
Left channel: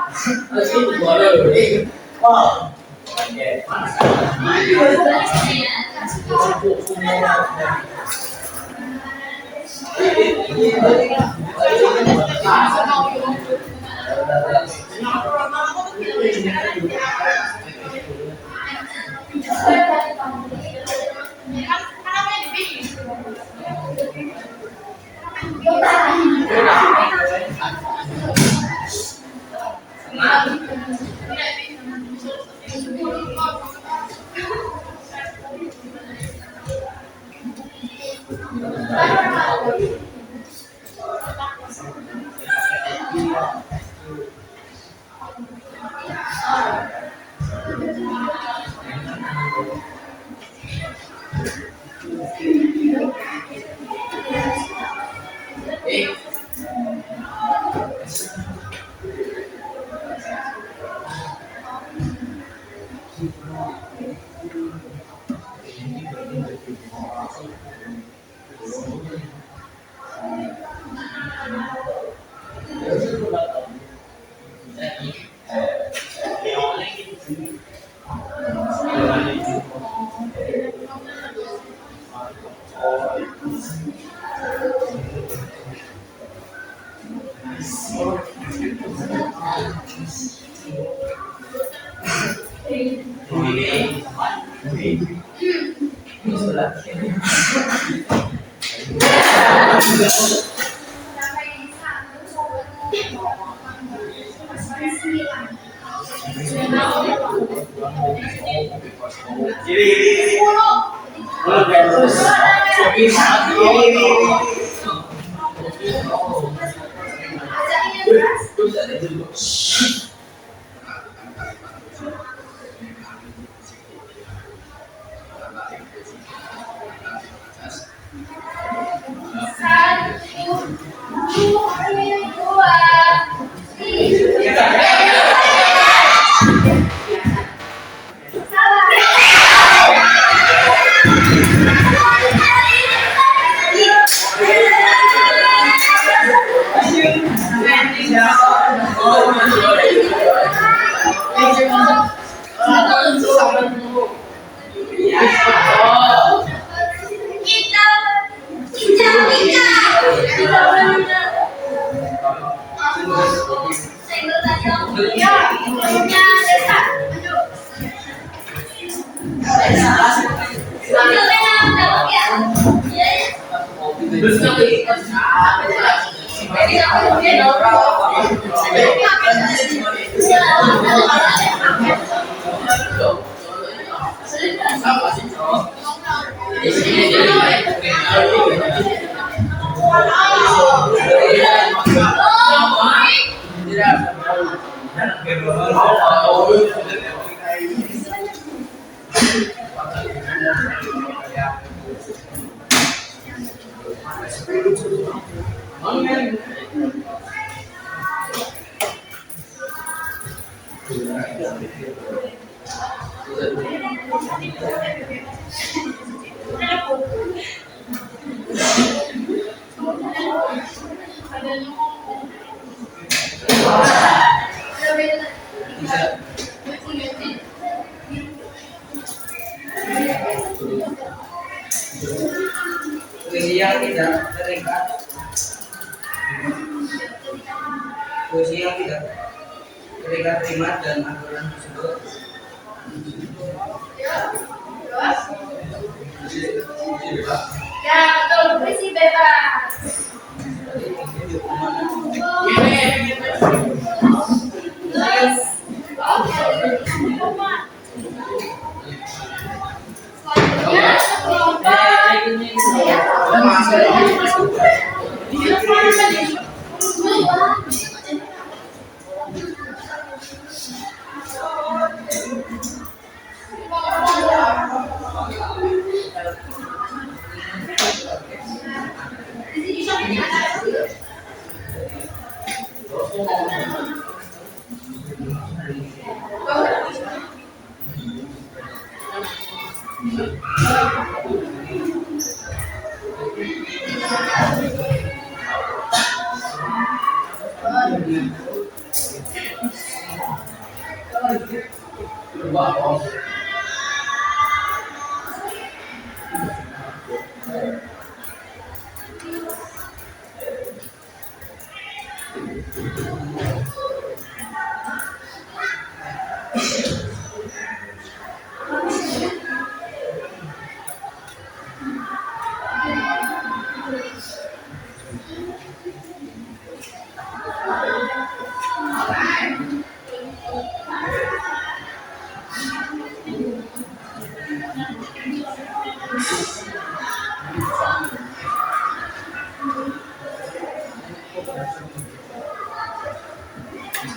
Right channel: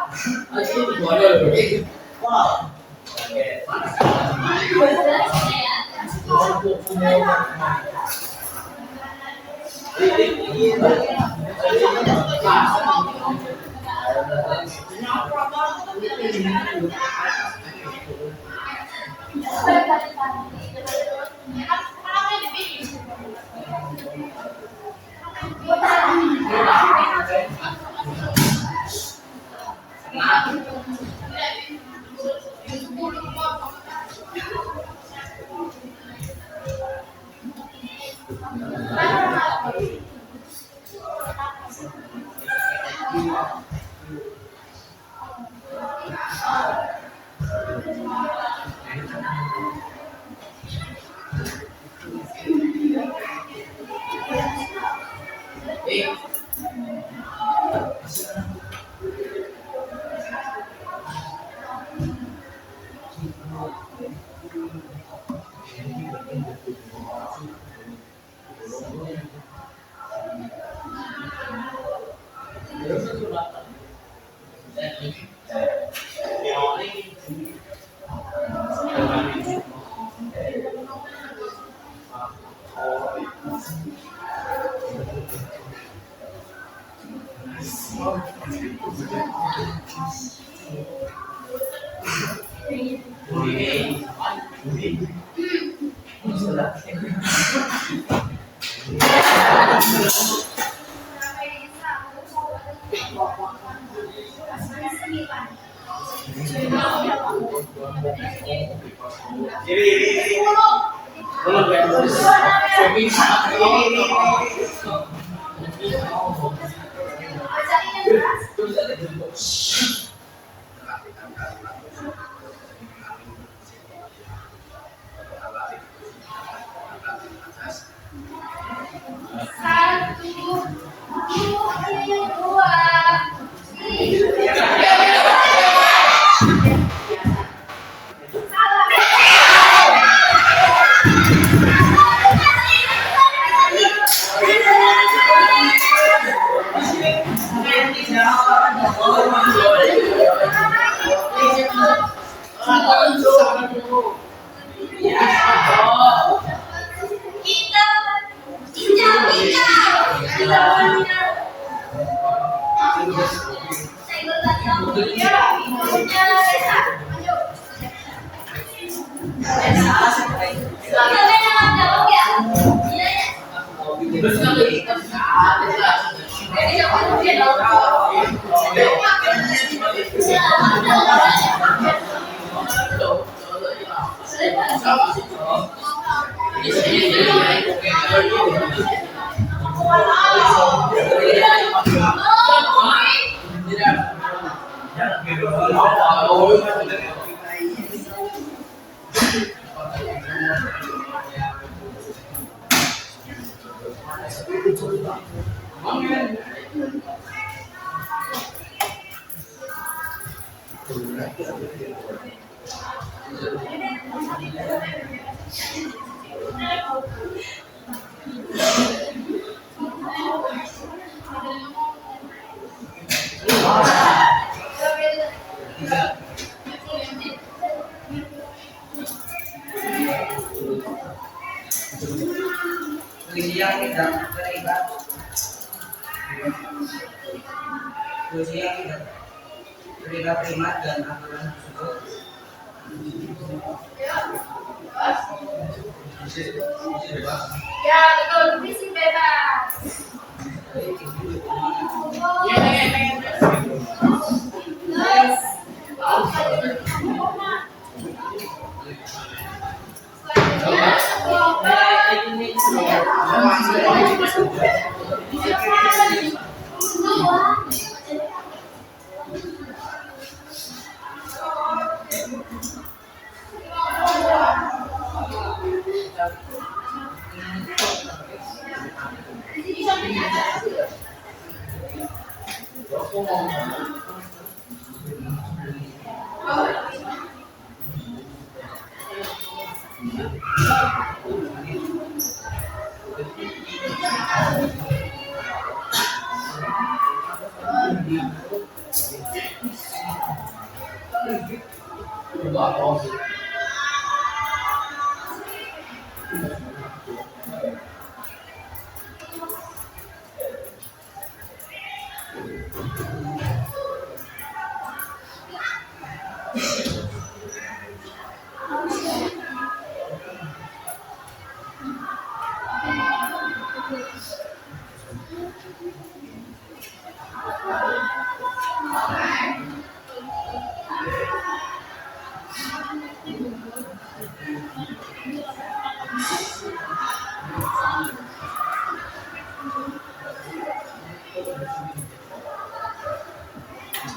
Puisi yang tidak terikat, puisi yang tidak terikat terima dan aturan tersebut. Ya, betul. Puisi bebas.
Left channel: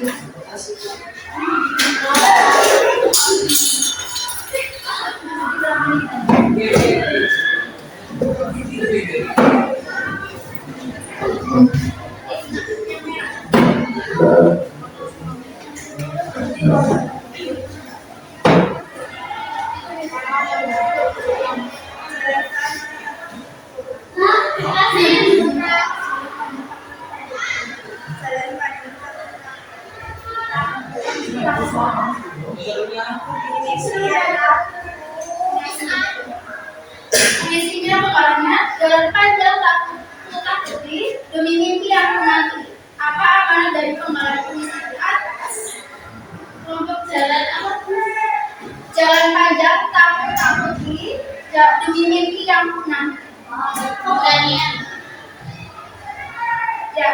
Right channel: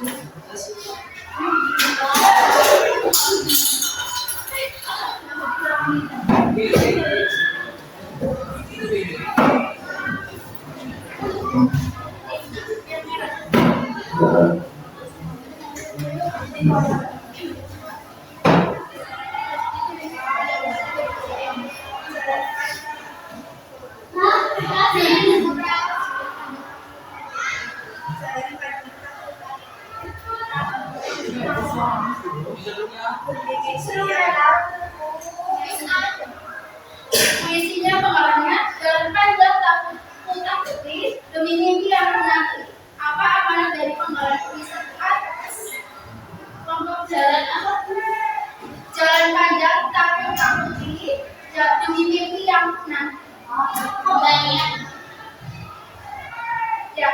Terus, selanjutnya puisinya pengarangnya jalan panjang tak putih demi mimpi yang menanti. Apa amanat dari pengarang puisi di atas? Kelompok jalan apa? Jalan panjang tapi tak putih demi mimpi yang menanti. Kebanyakan. Ya.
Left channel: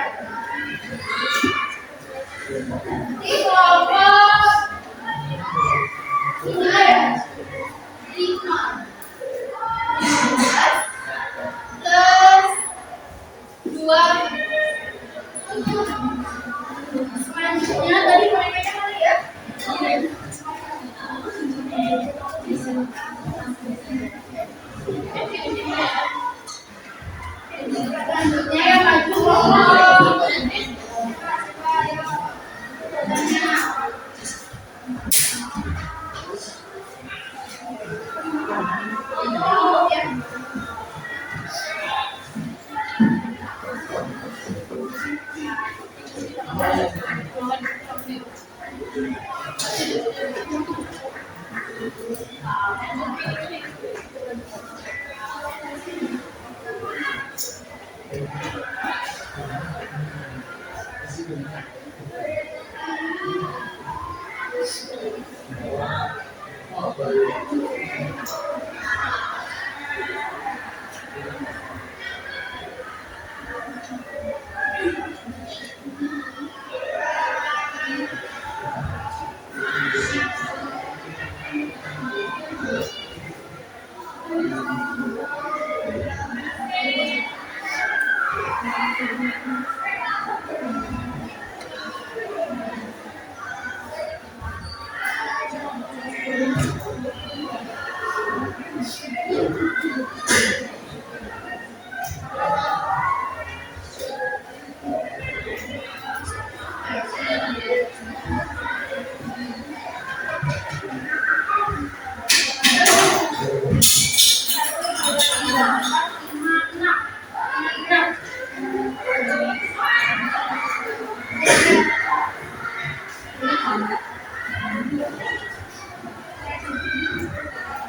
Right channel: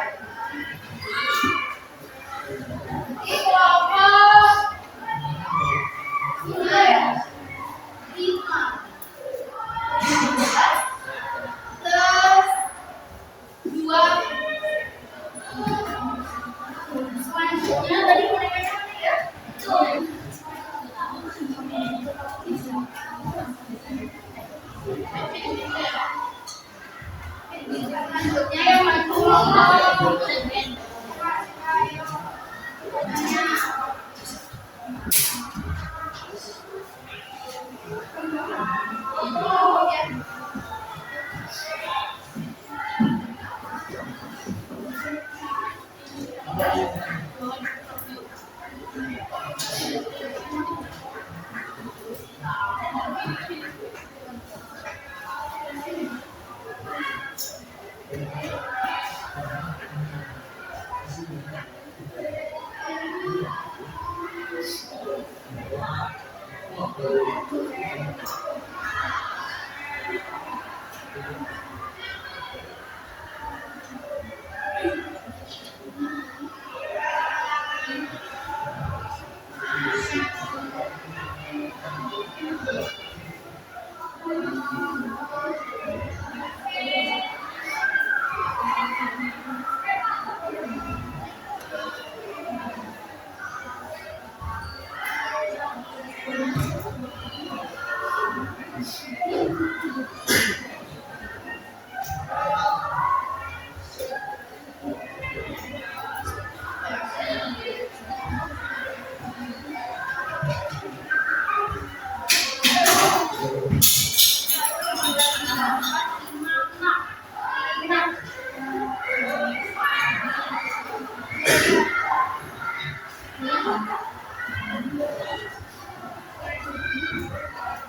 Di kelompok ini ya. 5 plus 2 selanjutnya tadi mereka yang mana ya? Selanjutnya yang maju kelompok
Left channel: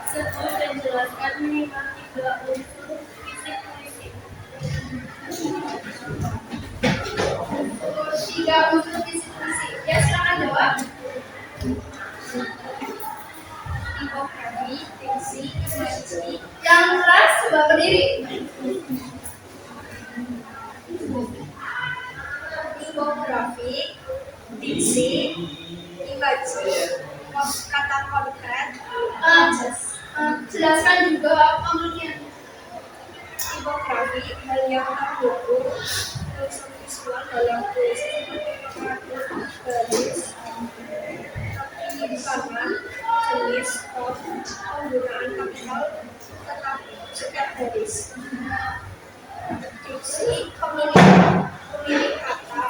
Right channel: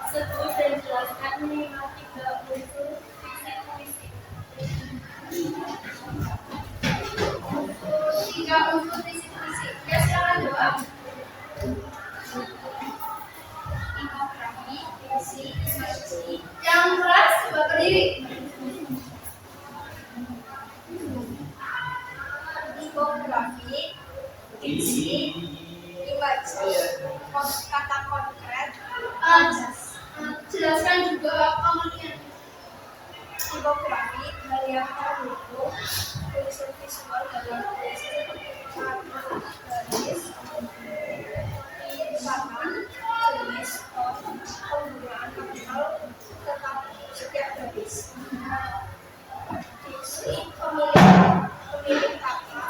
Sebut dan jelaskan minimal 3 unsur fisik puisi. 3 unsur fisik puisi. Ya, silakan jawab. Tipografi, diksi, imaji. Yang keras coba berdiri. Tipografi, diksi, imaji, kata konkret. Jelaskan juga pengertiannya. Tipografi hal yang terdukung unsur visual dalam puisi seperti pengatur garis, penyimpanan, jenis, tone, penggunaan kapital, tetap setiap garis. Diksi pemilih kata.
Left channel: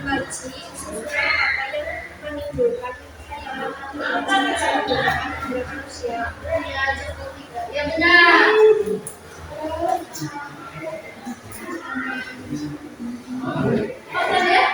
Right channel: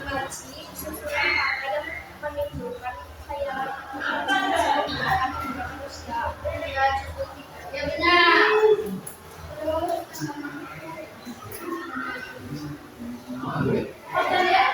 Imaji susunan kata yang menimbulkan khayalan menggunakan indera manusia. Ya benar. Betul ya?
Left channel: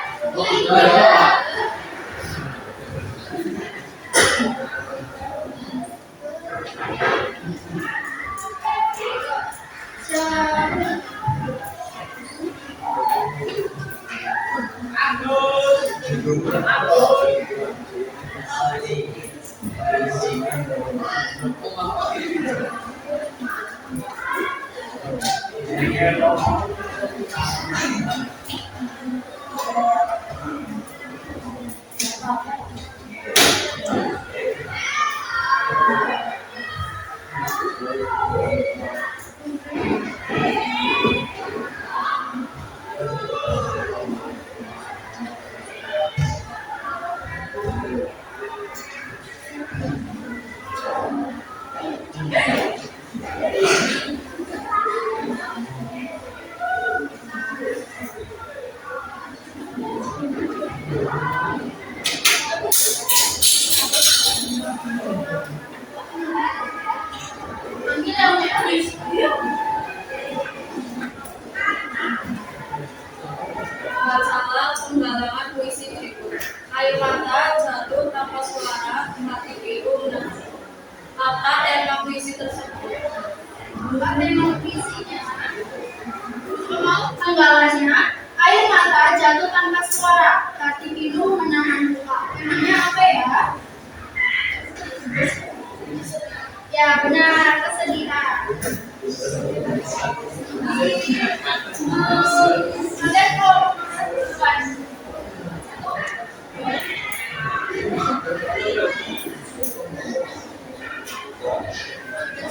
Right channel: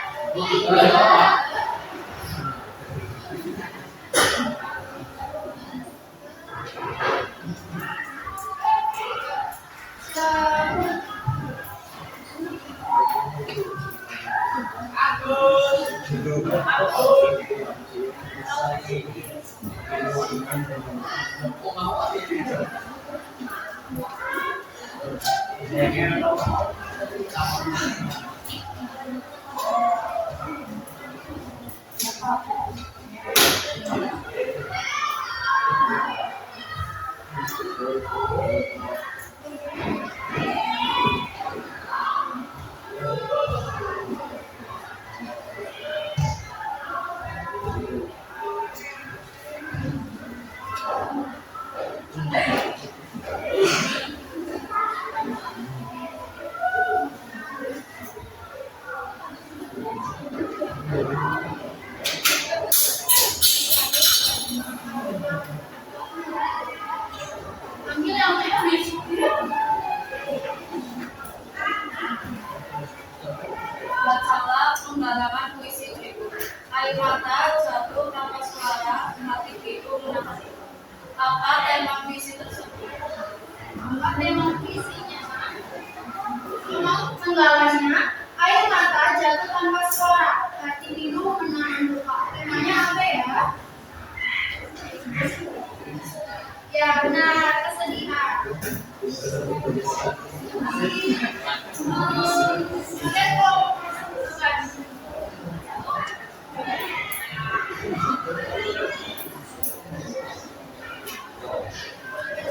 Iya. Bacalah penggalangan puisi berikut. Air mata jatuh tanpa suara, hati pilu menangis. Apa tema puisi tersebut? Apa tema puisinya? Penggalannya, air mata jatuh tanpa suara, hati pilu menahan luka. Temanya apa ya? Ya benar, kesedihan. Kalian kalau bukan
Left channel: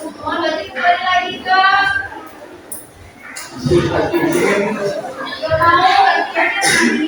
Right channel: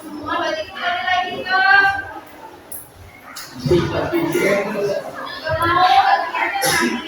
semua berarti kembali lagi ke mau bagiannya tadi.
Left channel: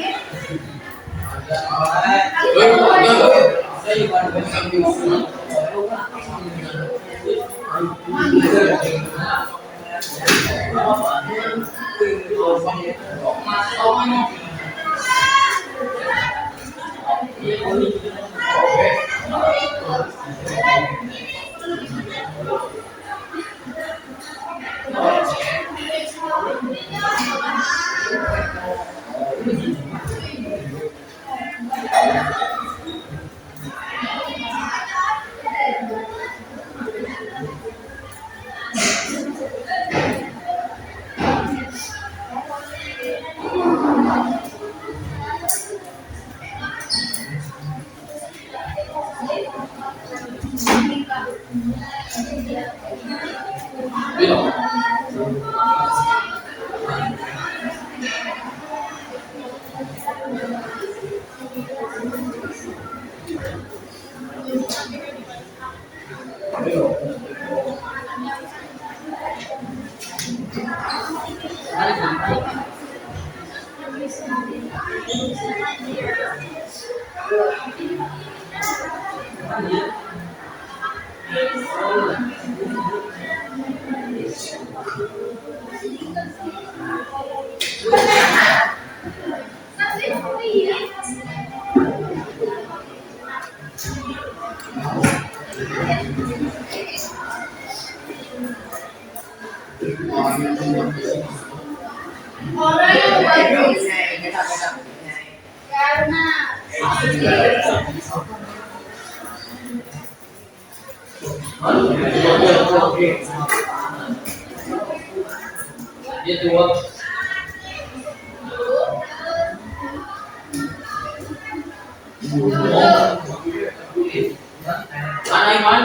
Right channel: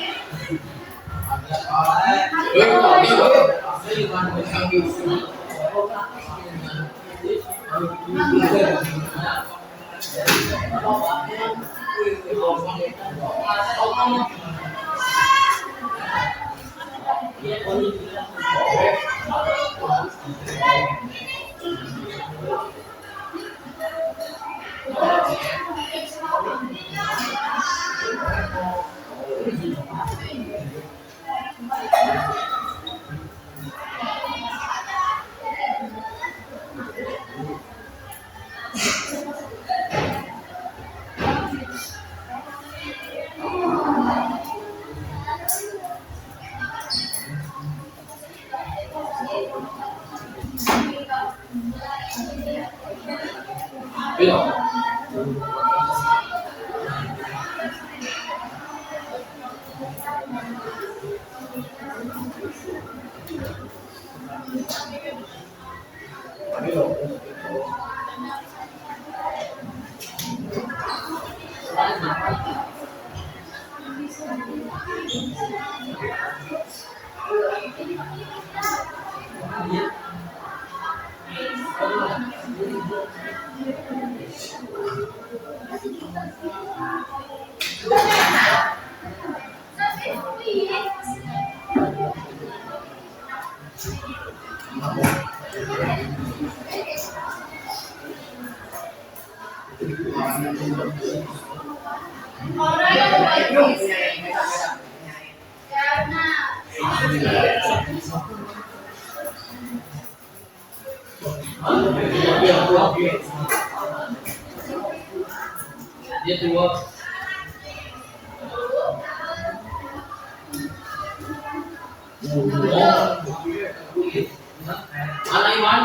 Mana Iman?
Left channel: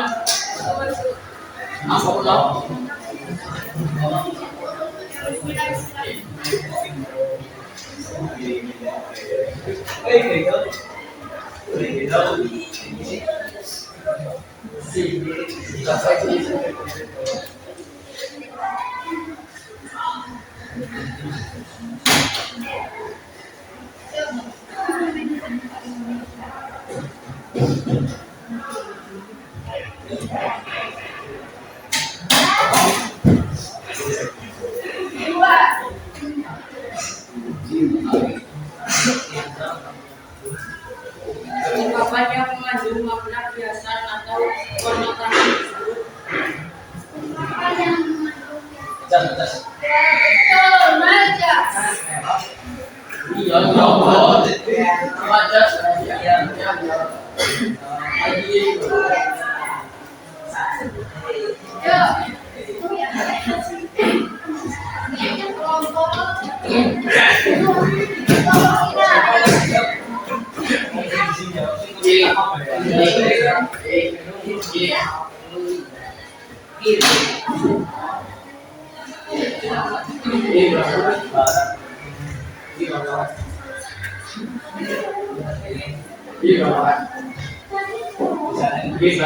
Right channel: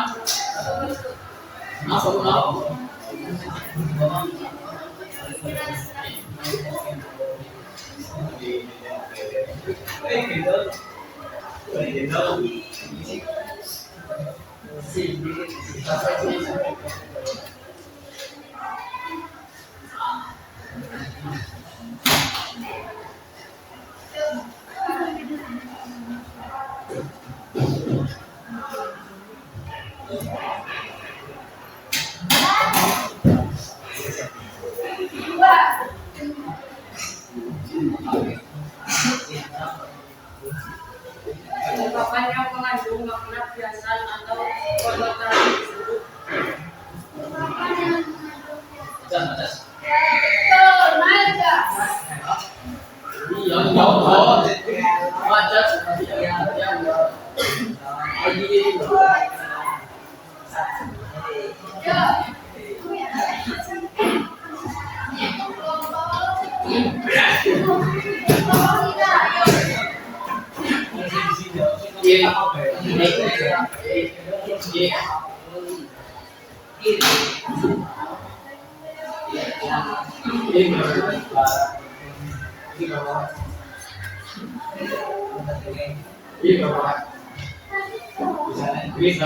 Apa kau? Ungkapan yang mengandung makna biasan atau konotasi disebut Remaja. Iya, jawab. Wajar. Iya. Lagi. Yuk. Kelompok. Kelompok kita.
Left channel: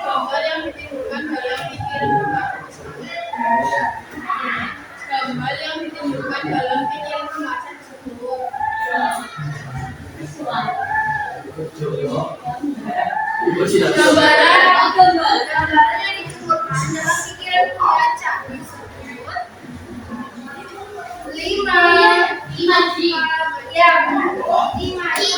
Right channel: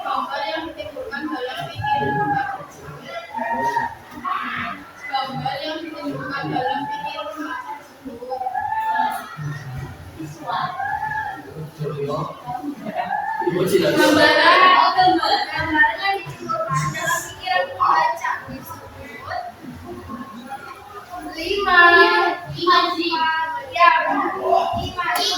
Gambar yang ditimbulkan dalam pikiran gambar yang ditimbulkan dalam pikiran remaja tersebut. Gambaran yang ditimbulkan dalam pikiran pembaca disebut imaji. Ya, imaji.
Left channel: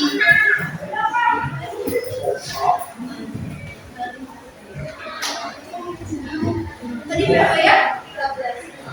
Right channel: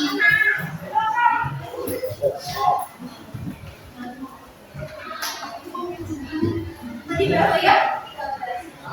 Tadi berapa ya? 13.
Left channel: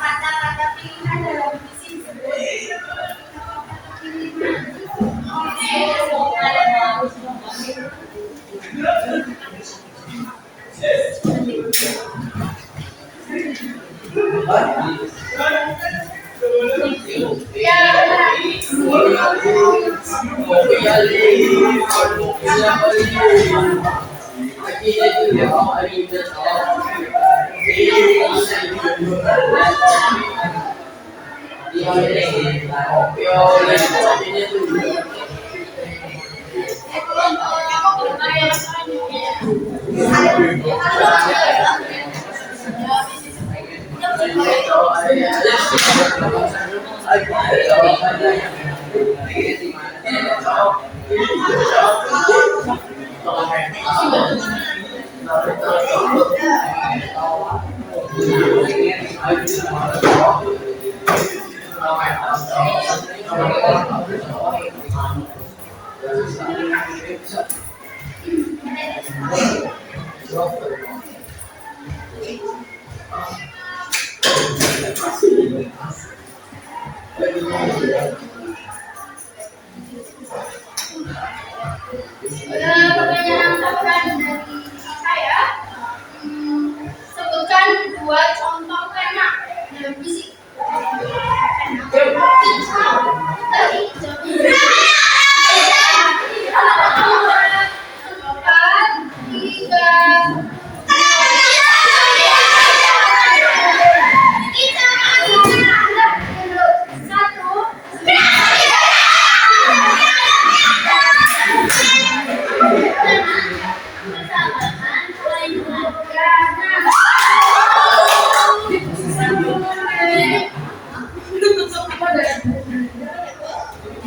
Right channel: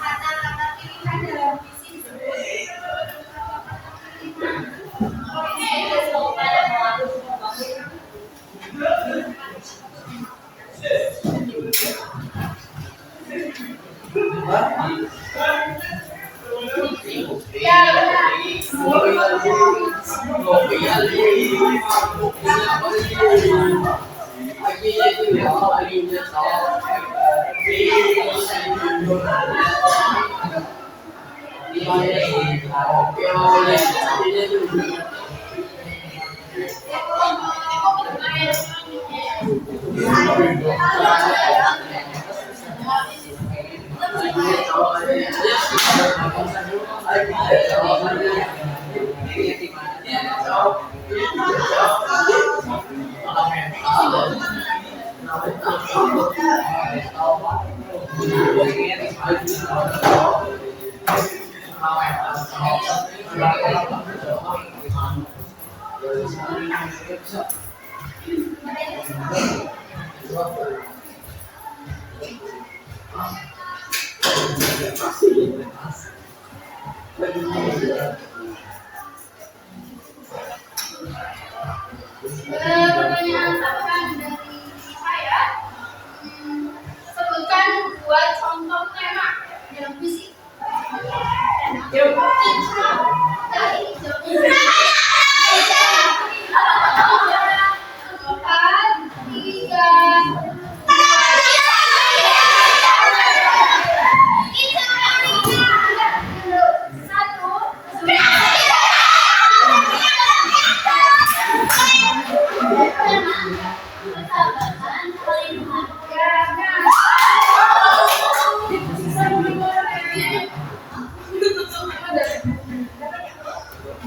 Kata-kata pilihan dalam visi disebut kata-kata pilihan. Pertanyaan tambahan dari saya. Sebutkan dua contoh tema dalam puisi. Empat, tiga, satu.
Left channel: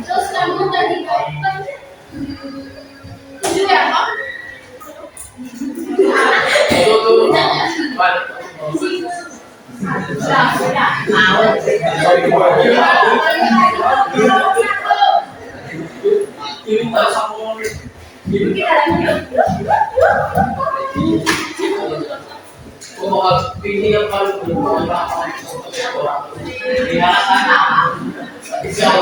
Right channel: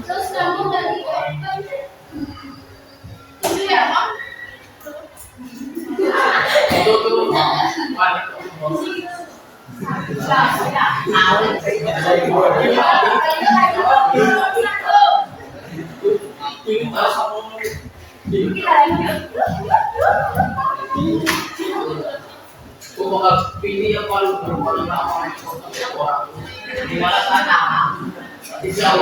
Terus kamu tadi dapat 7 ya, Pak? Ini yang paling berubah gimana sana? Bisa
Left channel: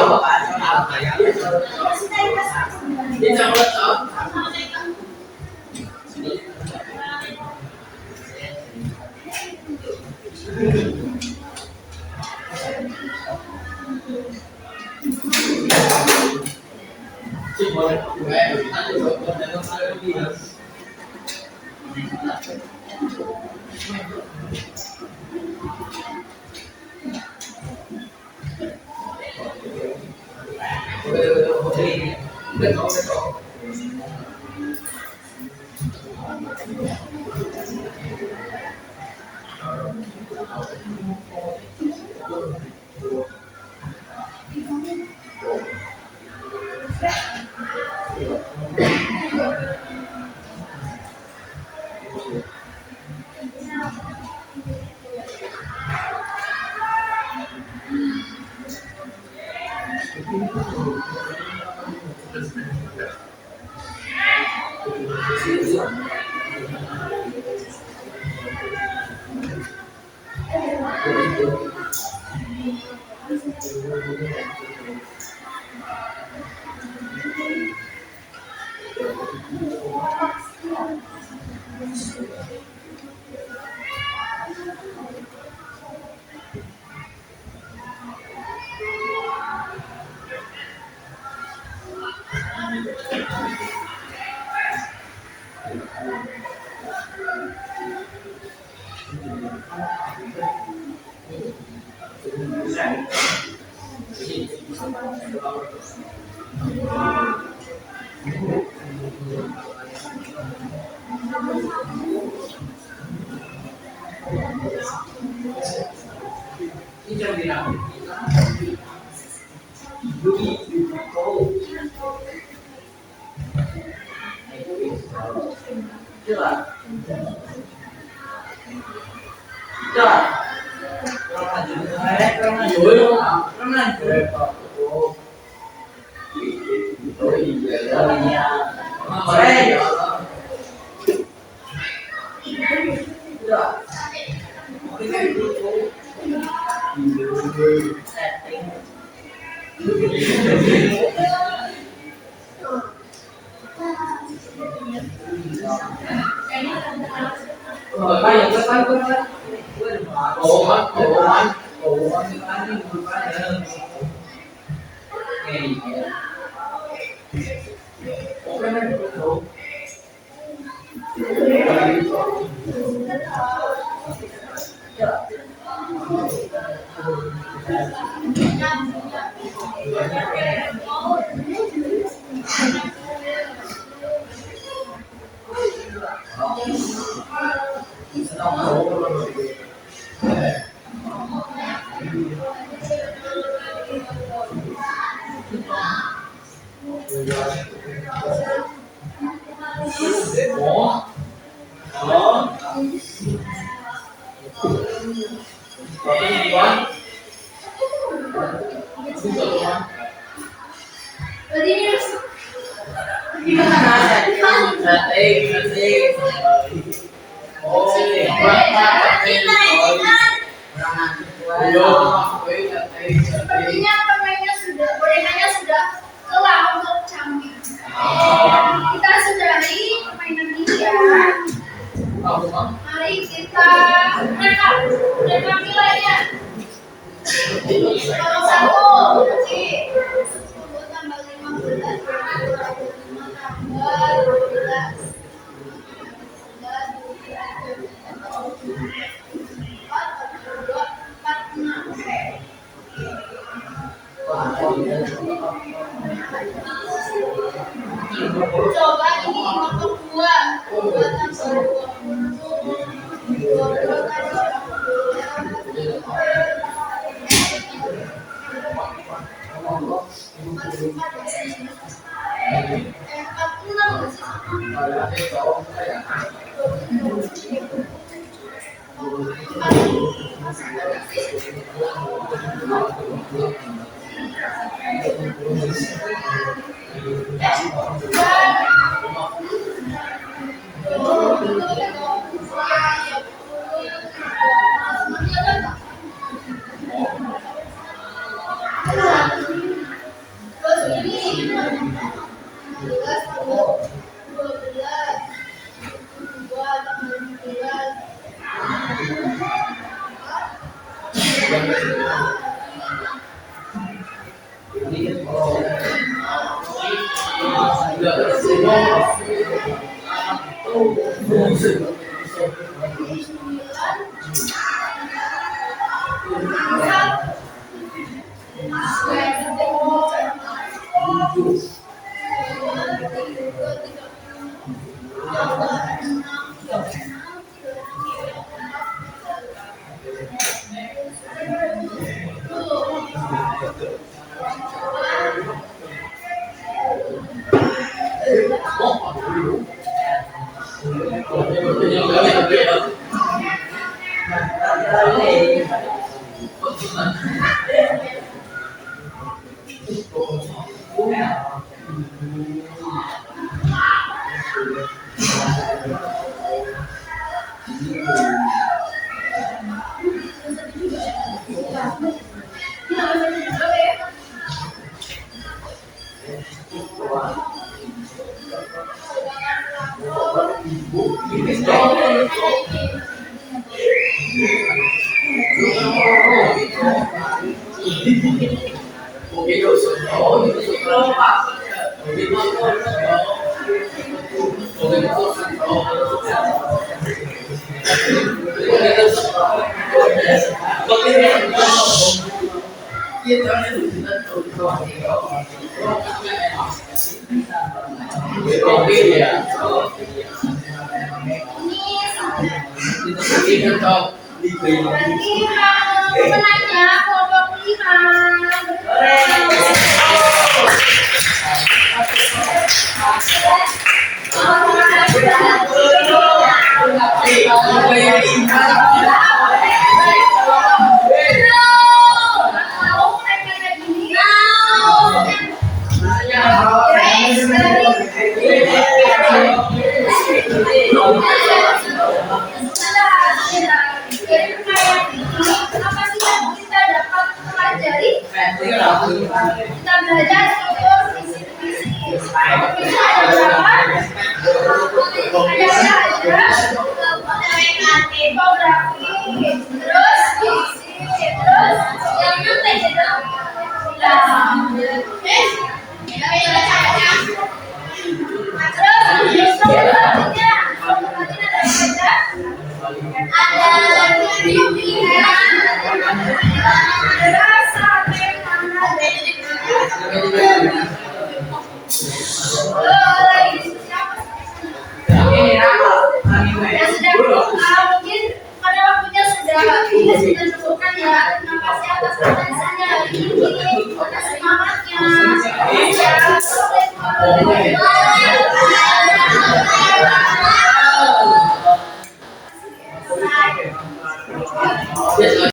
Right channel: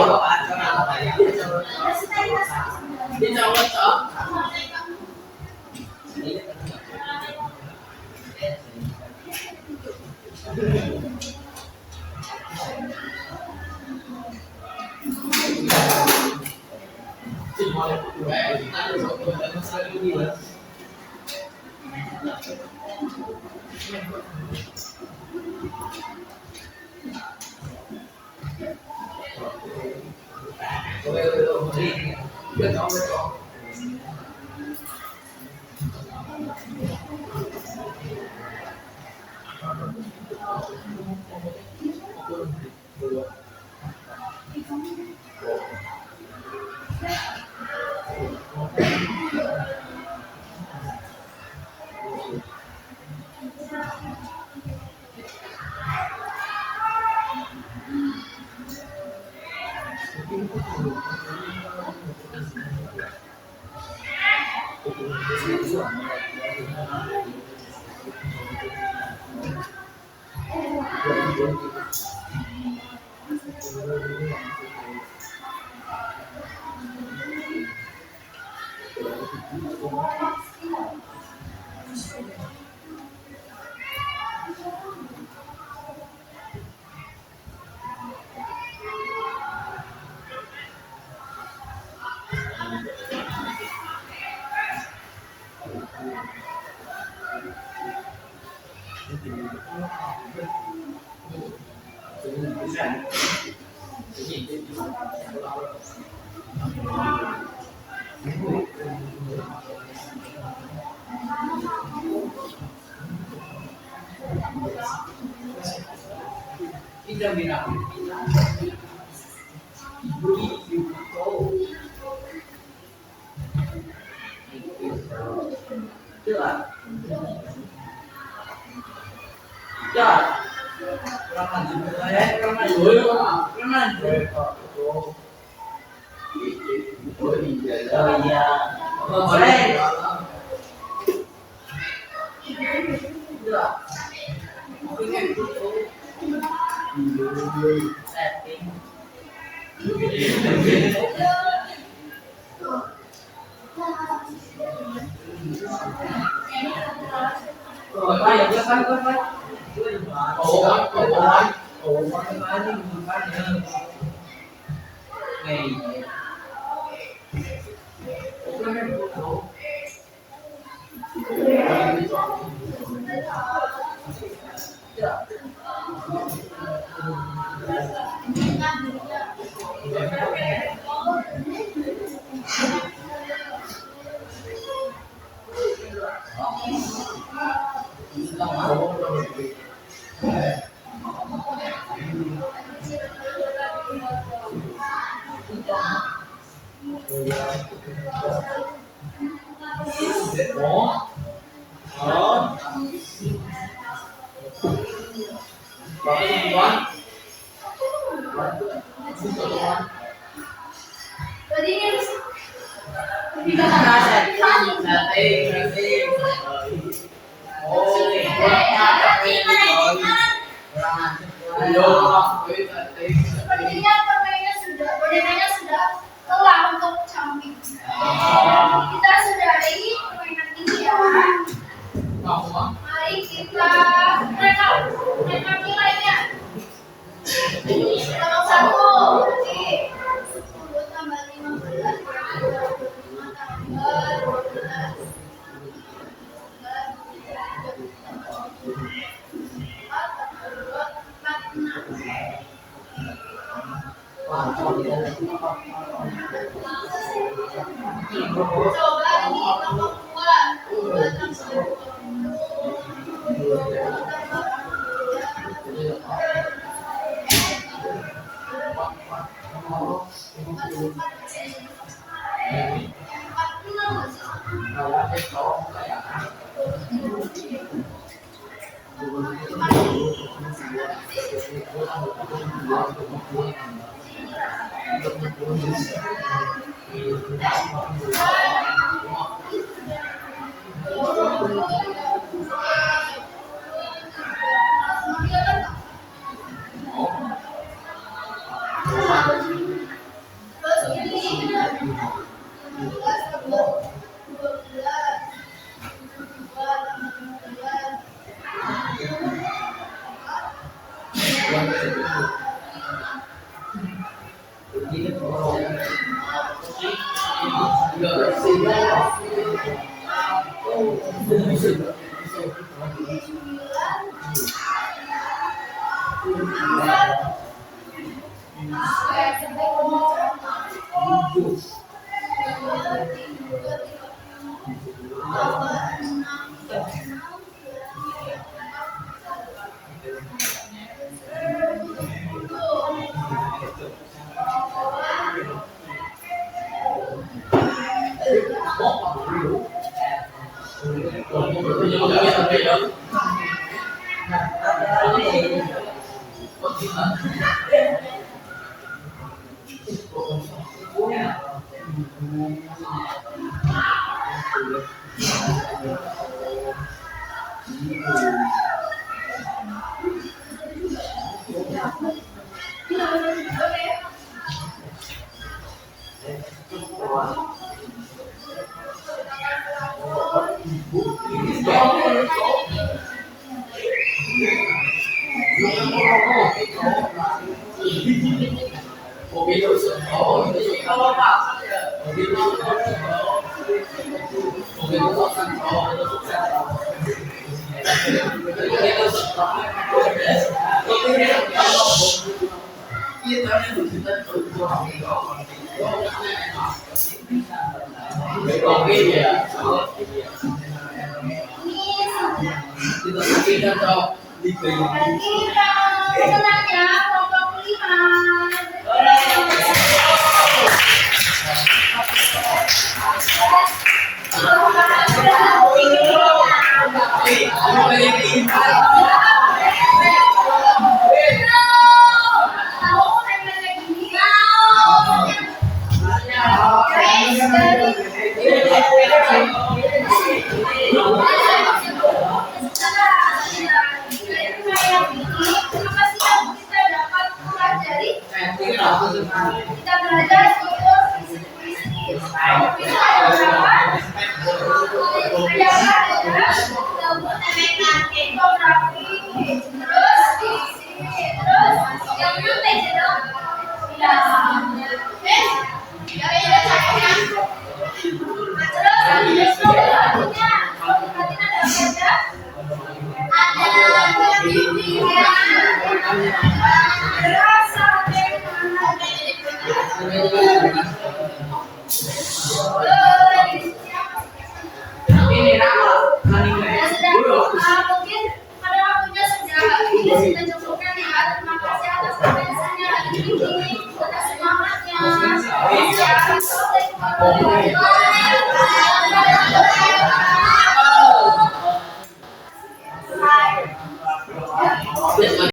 Berarti ini Sepertinya permainannya sudah, bonekanya sudah telah untuk canggih. Kita sudahi permainan ini ya. Mari kita rekap nilainya. Kalau 1 berarti 10 tambah 15 25 tambah 12 Coba ini kelompok 2 tambah 20 tambah Berarti pemenangnya kelompok 5. Kita belajar struktur visi-visi. Visi ada berapa? Ada tipografi, terus visi, terus yang nyuntek itu. Terus strukturnya ada apa aja? Ada rasa mungkin pada waktunya sudah habis, kita cukupkan ya. Terima kasih atas perhatiannya hari ini, atas semangatnya. Assalamualaikum warahmatullahi wabarakatuh.